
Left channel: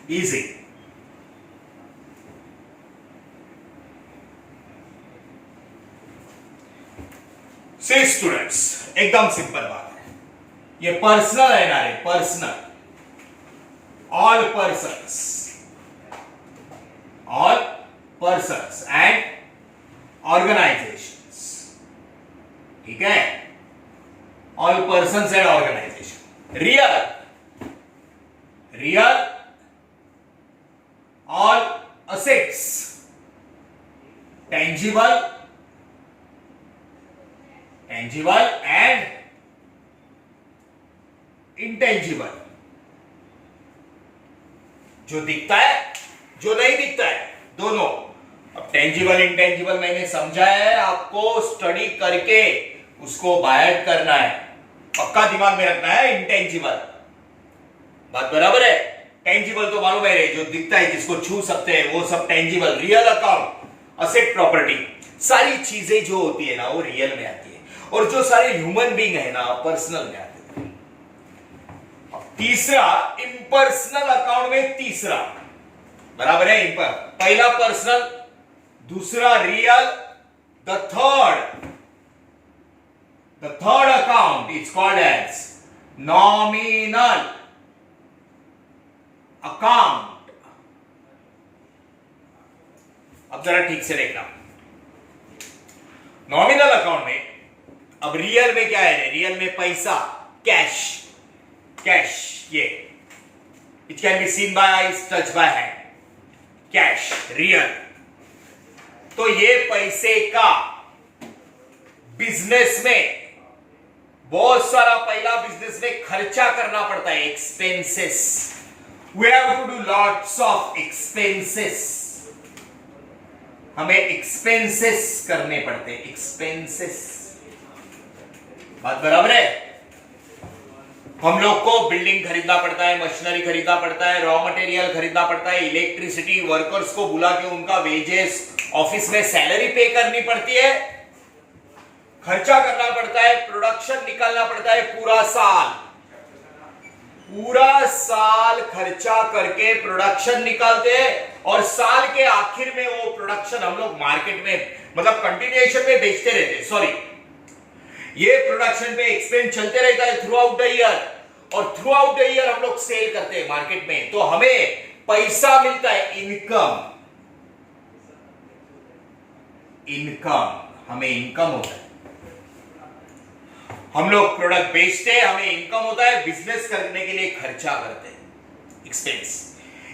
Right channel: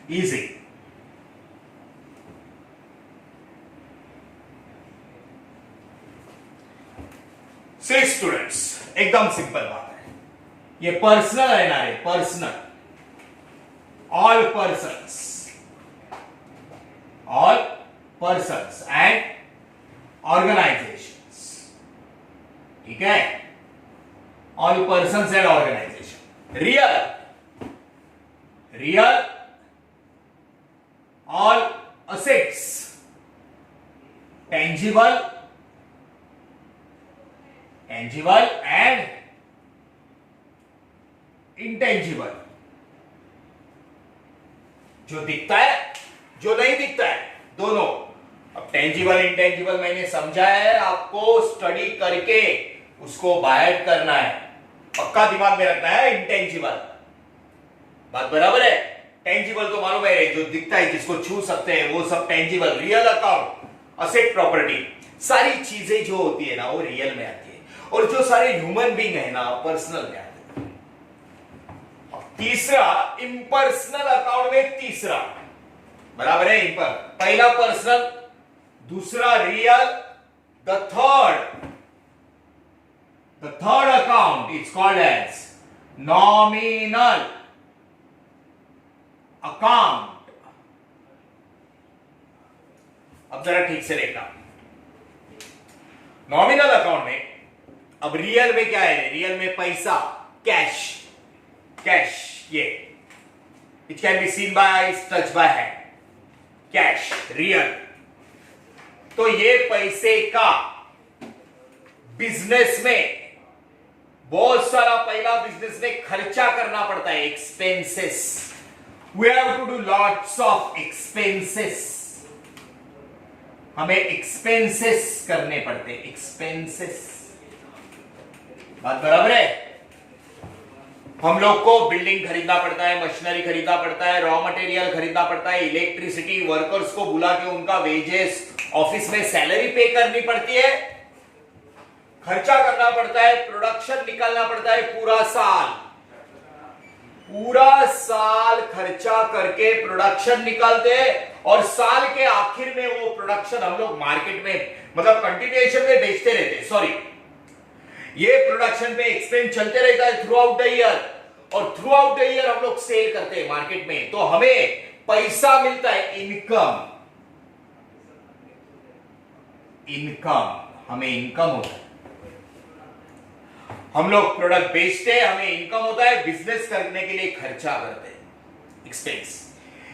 easy. See students, एकदम सिंपल बात है. ये पर्सनल है ना रे, personal. all persons and organizations. ठीक है, all persons and organization. real, all assets. tangible and intangible. जो दिखता है, जो नहीं दिखता है, दोनों. अब टेंजिबल इंटेंजिबल मैंने समझाया है आपको, स्टडी करके उसको बायट करना है. पक्का दिमाग में रखना है. इंटेंजिबल बात बराबर है. टेंजिबल तो मालूम है, जो दिखता है, जिसको छू सकते हैं, वो सब tangible. Real account, asset, property, सारी चीजें जो होती है ना, वो रियल में आती है. और जो सारे ह्यूमन बीइंग है ना, पर्सनल में आते हैं. तीसरा, इम्पर्सनल अकाउंट में तीसरा, बराबर है. पहला पर्सनल, दूसरा real, the third account is called as nominal account. अब जरा ठीक से देखना. नॉमिनल अकाउंट में अब रियल में क्या है? रियल में पैसा, कैश, ये which can be seen by eyes, touched by hand. Cash, real. तो ये पैसे का बिजनेस में बहुत सारा, पहला बिजनेस में खर्चा करना पड़ता है. Expenses. We have to do lots of expenses. हमें एक्सपेंसेस करने पड़ते हैं. एक्सपेंसेस, बात बराबर है. हम लोग को बिल्डिंग खरीदना पड़ता है, मशीनरी खरीदना पड़ता है, रॉ मटेरियल खरीदना पड़ता है, इलेक्ट्रिसिटी, वर्कर्स को बुला के उनका वेजेस, ऑफिस में सैलरी पे करनी पड़ती है, खर्चा करना पड़ता है, प्रोडक्शन निकालना पड़ता है. पूरा साल खर्चा करके प्रोडक्शन निकालते हैं और साल के आखिर में वो प्रोडक्शन हम लोग मार्केट में, मतलब कंटिन्यूएशन में बेचते रहते हैं. सॉरी, ये प्रोडक्शन पे एक्सपेंस चलते रहता है थ्रू आउट द ईयर. और थ्रू आउट द ईयर हम लोग सेल करते हैं मार्केट में, तो हमें पैसा मिलता है, इनकम, हमें इनकम होता है। हम लोग प्रोडक्ट बेचते हैं, हमें इनकम होता है, बिजनेस करने के लिए खर्चा करते हैं, एक्सपेंस।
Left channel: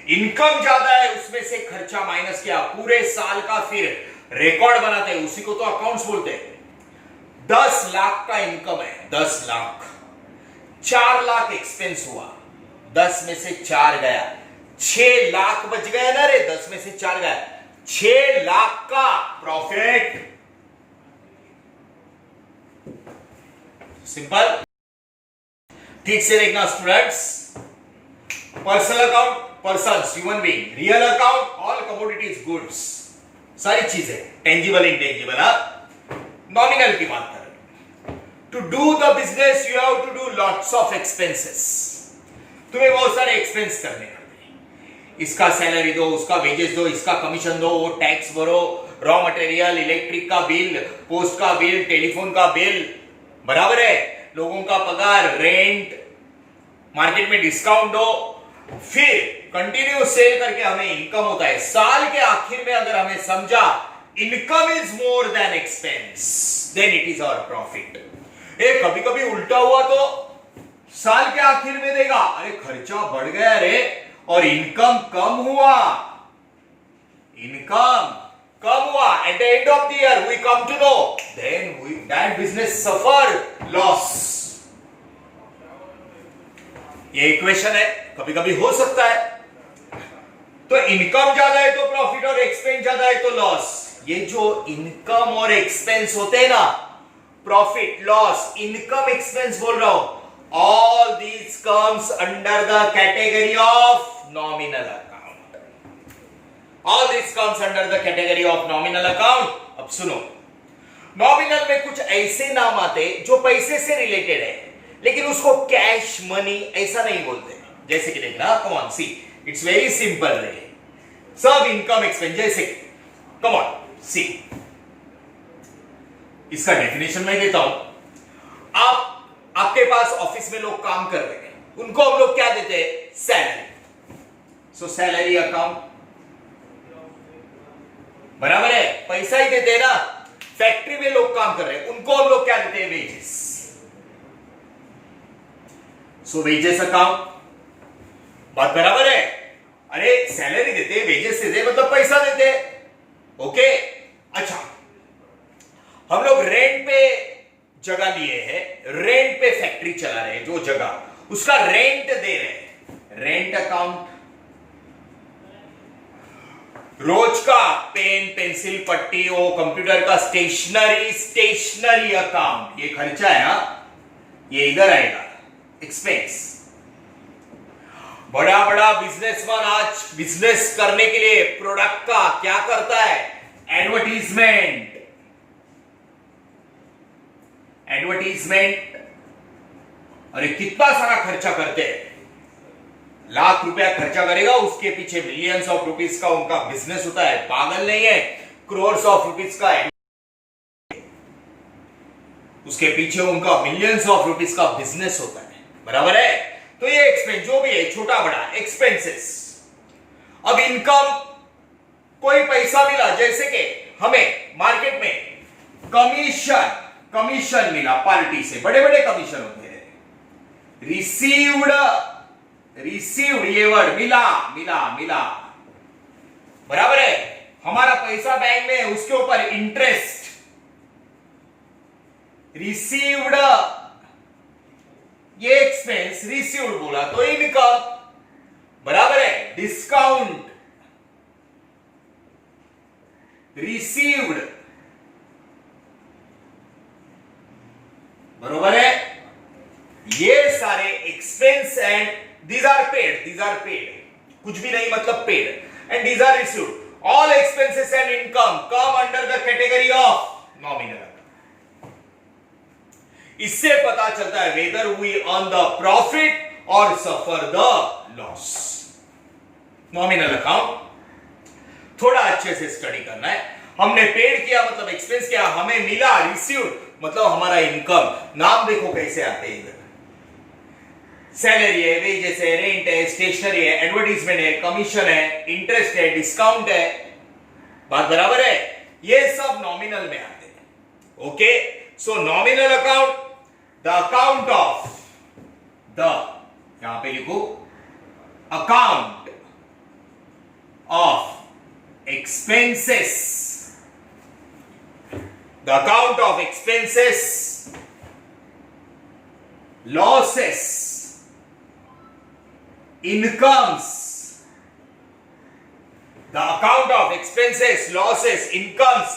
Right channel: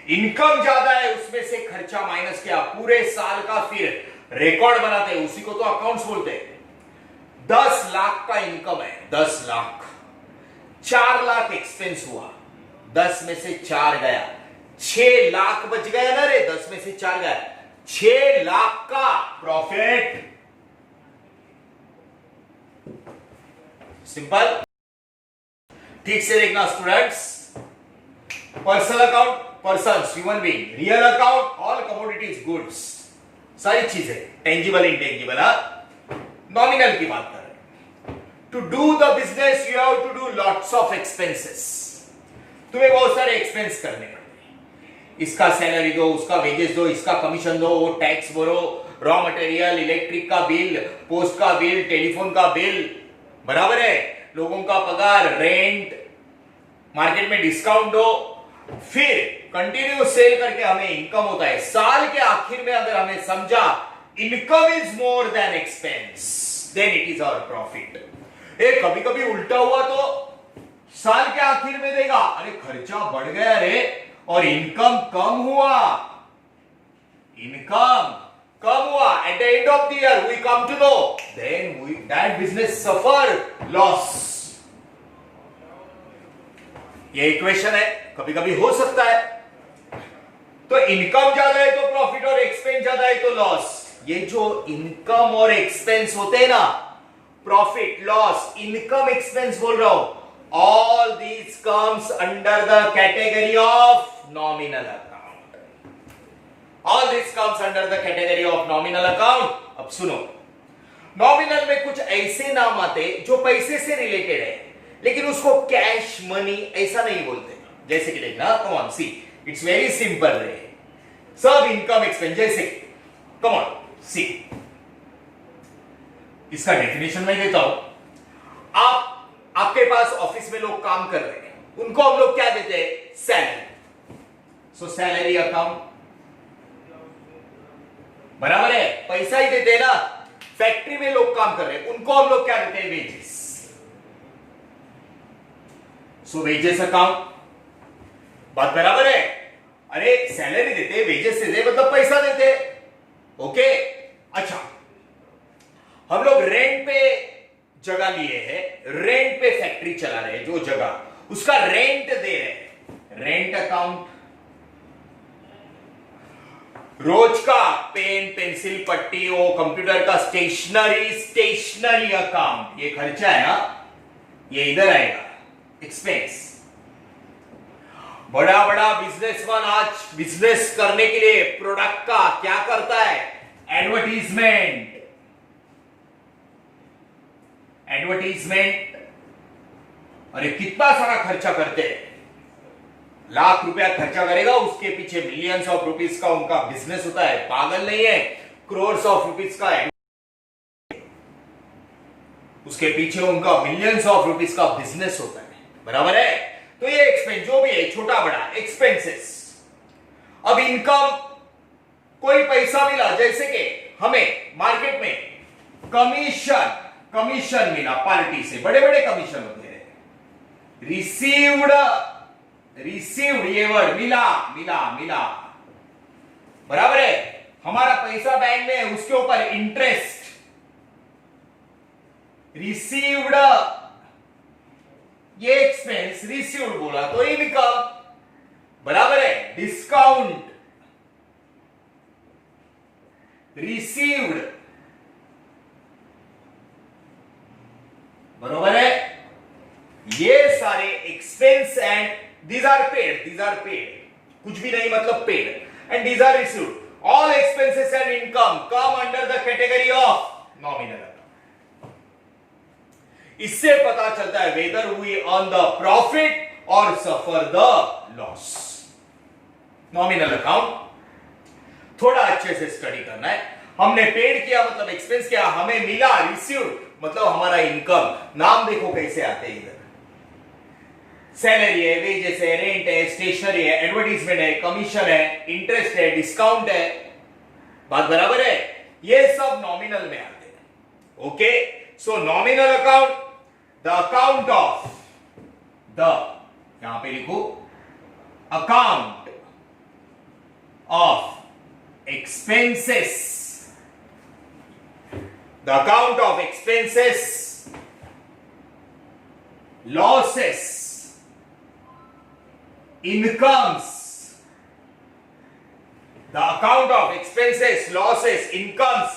इनकम ज्यादा है, उसमें से खर्चा माइनस किया, पूरे साल का फिर रिकॉर्ड बनाते हैं, उसी को तो अकाउंट्स बोलते हैं। 10 लाख का इनकम है, 10 लाख, 4 लाख एक्सपेंस हुआ, 10 में से 4 गया, 6 लाख बच गया ना रे, 10 में से 4 गया, 6 लाख का प्रॉफिट। सिंपल। ठीक से देखना students, personal account, person, human being, real account, all commodities, goods, सारी चीजें टेंजिबल इंटेंजिबल, नॉमिनल की बात कर रहे हैं। To do the business you have to do lots of expenses, तुम्हें बहुत सारे एक्सपेंस करने पड़ते हैं, इसका सैलरी दो, उसका वेजेस दो, इसका कमीशन दो, वो टैक्स भरो, रॉ मटेरियल, इलेक्ट्रिक का बिल, पोस्ट का बिल, टेलीफोन का बिल, बराबर है, लोगों का पगार, रेंट, मार्केट में डिस्काउंट दो, फिर कंटिन्यू सेल करके हमें इनकम होता है। साल के आखिर में अगर हमें समझा income is more than expense, then it is our profit. कभी कभी उल्टा हुआ तो साल के आखिर में देगा, अरे खर्चा बढ़ गया रे और इनकम कम हुआ, इनकम कम हुआ, at the end of the year we come to know then that business suffer loss। ये इक्वेशन है, कभी कभी हो सकता है, तो इनकम ज्यादा है तो प्रॉफिट और एक्सपेंस ज्यादा है तो लॉस। ये जो इनकम और एक्सपेंस होते हैं ना, प्रॉफिट, लॉस, इनकम, एक्सपेंस बोल रहा हूं, all these comes under the category of nominal account. All this comes under the category of nominal account। अब सुनो, नॉमिनल में कुछ ऐसे नाम आते जो पैसे से रिलेटेड है, लेकिन उसको कैश, मनी ऐसा नहीं बोलते। जैसे कि देखना, come on see, it's very simple रे, सब इनकम एक्सपेंस, जैसे कम ऑन सी, इसका डेफिनेशन मैं देता हूं। आपके पास ऑफिस में लोग काम कर रहे हैं, उनको हम लोग क्या देते हैं, सैलरी। सो सैलरी अकाउंट, बराबर है, पैसा ही देते हैं ना। फैक्ट्री में लोग काम कर रहे हैं, उनको हम लोग क्या देते हैं, वेजेस। सो वेजेस अकाउंट, बात बराबर है। अरे सैलरी देते हैं, वेजेस देते हैं, मतलब पैसा देते हैं, ओके। अच्छा, हम लोग रेंट पे जगह लिए हैं, रेंट पे फैक्ट्री चला रहे हैं, जो जगह उसका रेंट दे रहे हैं, रेंट अकाउंट। रोज का पेन, पेंसिल, पट्टी, वो कंप्यूटर का स्टेशनरी अकाउंट, ये खर्चा है ना, ये इधर आएगा, एक्सपेंस। बड़ा बड़ा बिजनेसमैन आज बिजनेस करने के लिए प्रोडक्ट का क्या करता है, एडवर्टीजमेंट, अरे कितना सारा खर्चा करते हैं, लाख रुपया खर्चा करेगा, उसके पीछे मिलियंस ऑफ रुपीज का उनका बिजनेस होता है, पागल नहीं है, क्रोर्स ऑफ रुपीज का है, उसके पीछे उनका मिलियंस ऑफ रुपीज का बिजनेस होता है, बराबर है। तो ये एक्सपेंस जो भी है, छोटा बड़ा एक्सपेंसेस। अब इनकम, कोई पैसा मिला, जैसे कि हमें मार्केट में कमीशन मिला पार्टी से, बड़े बड़े कमीशन होते हैं, रिसीव्ड ये वर्ड, मिला, बराबर है। हमारा पैसा बैंक में है, उसके ऊपर इंटरेस्ट, रिसीव्ड, ये एक्सपेंस, रिसीव्ड बोला तो इनकम, बराबर है। डिस्काउंट, रिसीव्ड, बरोबर है। ये सारे expense and these are paid, कुछ भी नहीं मतलब paid, and these are received, all expenses and income come under the category of nominal account। इससे पता चलता है whether we earn the profit or suffer the loss। nominal account थोड़ा अच्छे से स्टडी करना है। हमने पेड किया मतलब एक्सपेंस किया, हमें मिला रिसीव्ड मतलब हमारा इनकम। नाम देखो कैसे आते हैं इधर, सैलरी है, वेजेस है, रेंट है, स्टेशनरी है, एडवर्टीजमेंट है, कमीशन है, इंटरेस्ट है, डिस्काउंट है। बात बराबर है? ये सब नॉमिनल में आते हैं। Okay, so nominal account, the account of the, यहां पे लिखो account of expenses, the account of expenses, losses, incomes, the account of expenses, losses, incomes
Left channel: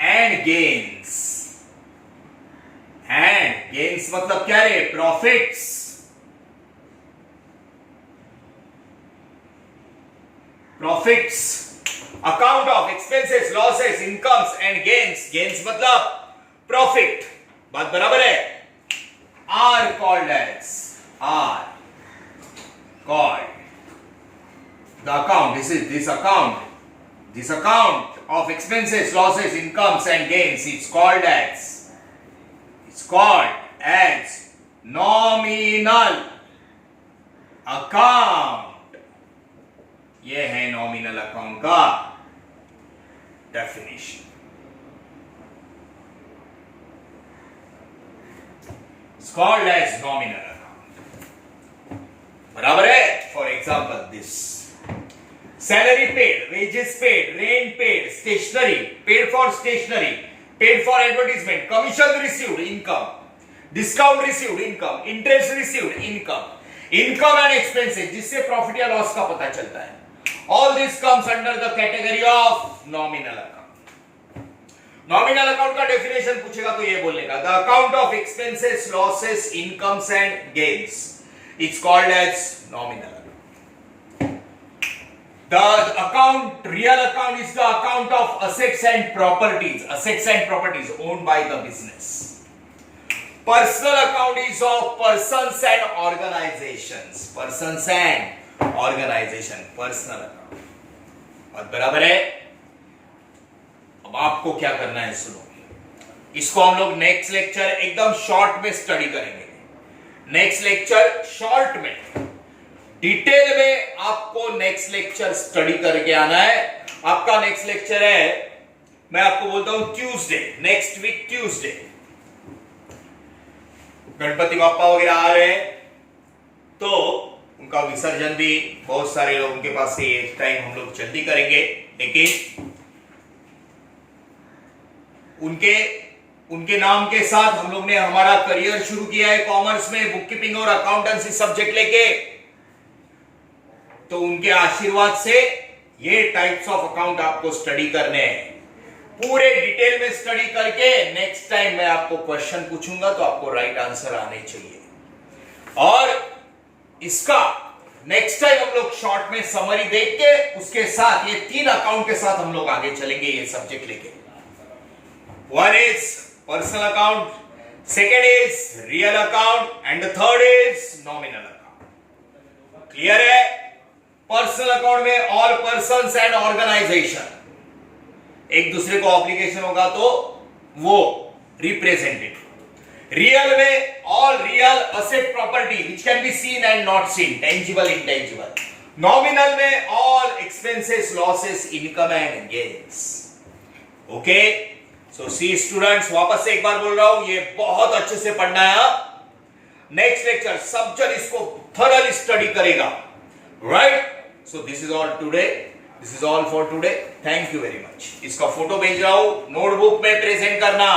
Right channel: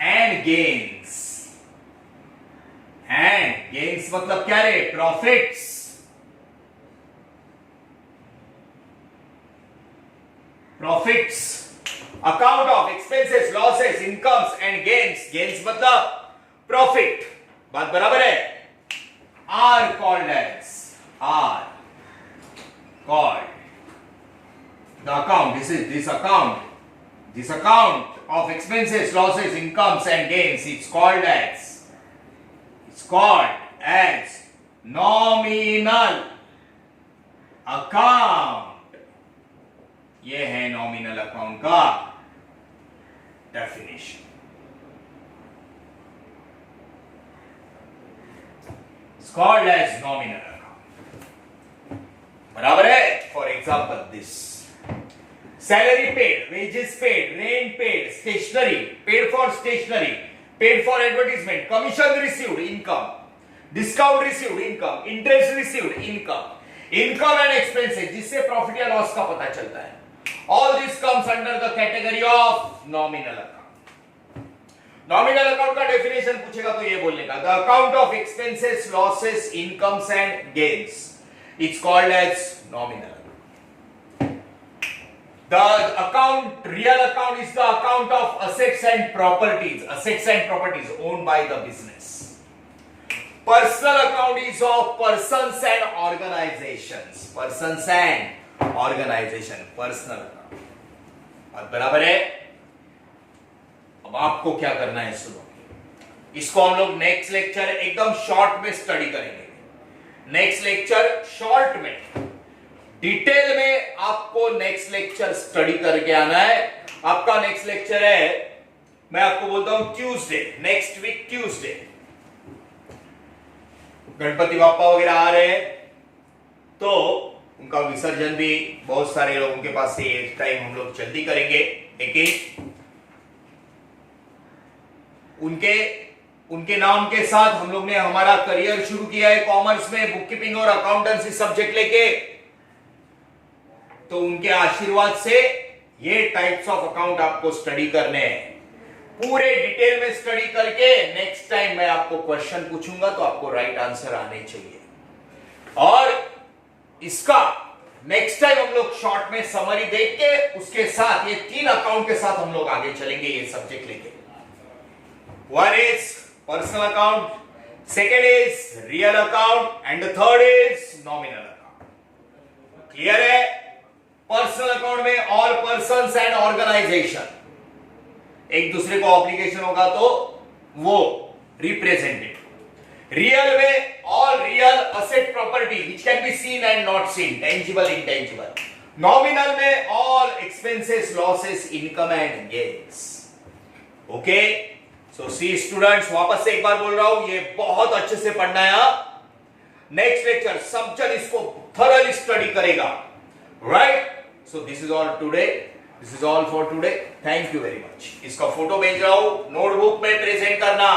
and gains. And gains मतलब क्या रे? Profits. Profits. Account of expenses, losses, incomes and gains. Gains मतलब profit. बात बराबर है? Are called as, are called the account. This account of expenses, losses, incomes and gains. It's called as nominal account. ये है nominal account का definition. It's called as nominal account. बराबर है? For example this, salary paid, wages paid, rent paid, stationery paid for stationery, paid for advertisement, commission received, income, discount received, income, interest received, income and expenses, जिससे profit या loss का पता चलता है। All this comes under the category of nominal account. Nominal account का definition पूछेगा तो ये बोलने का, the account of expenses, losses, incomes and gains, it's called as nominal account. The account, real account is the account of assets and properties owned by the business. Personal account is of persons and organizations. Personal account. और बराबर है? अब आपको क्या करना है सुनो, इसको हम लोग नेक्स्ट लेक्चर एकदम शॉर्ट में स्टडी करेंगे। नेक्स्ट लेक्चर शॉर्ट में, डिटेल में आपको नेक्स्ट लेक्चर स्टडी करके आना है। आपका नेक्स्ट लेक्चर है, मैं आपको बोलता हूं Tuesday, next week Tuesday. Ganpati Bappa वगैरह आ रहे हैं तो उनका विसर्जन भी बहुत सारे लोगों के पास से एक टाइम हम लोग जल्दी करेंगे, लेकिन उनके नाम के साथ हम लोग ने हमारा करियर शुरू किया है कॉमर्स में, बुककीपिंग और अकाउंटेंसी सब्जेक्ट लेके। तो उनके आशीर्वाद से ये टाइप्स ऑफ अकाउंट आपको स्टडी करने हैं, पूरे डिटेल में स्टडी करके नेक्स्ट टाइम मैं आपको क्वेश्चन पूछूंगा तो आपको राइट आंसर आने चाहिए। और इसका नेक्स्ट टाइम हम लोग शॉर्ट में समरी देख के उसके साथ ये 3 अकाउंट के साथ हम लोग आगे चलेंगे ये सब्जेक्ट लेके। One is personal account, second is real account and the third is nominal account. Clear है? पर्सनल अकाउंट में ऑल पर्संस एंड ऑर्गेनाइजेशन, एक दूसरे को ऑब्लिगेशन होगा तो वो रिप्रेजेंटेटिव। रियल में all real asset property which can be seen and not seen, tangible intangible. Nominal में all expenses, losses, income and gains. Okay, so see students, वापस से एक बार बोल रहा हूं, ये बहुत अच्छे से पढ़ना है। नेक्स्ट लेक्चर सब जन इसको थॉरली स्टडी करेगा, right? So this is all today, this is all for today. Thank you very much. इसका फोटो भेज रहा हूं, नोटबुक में प्रेजेंट करना।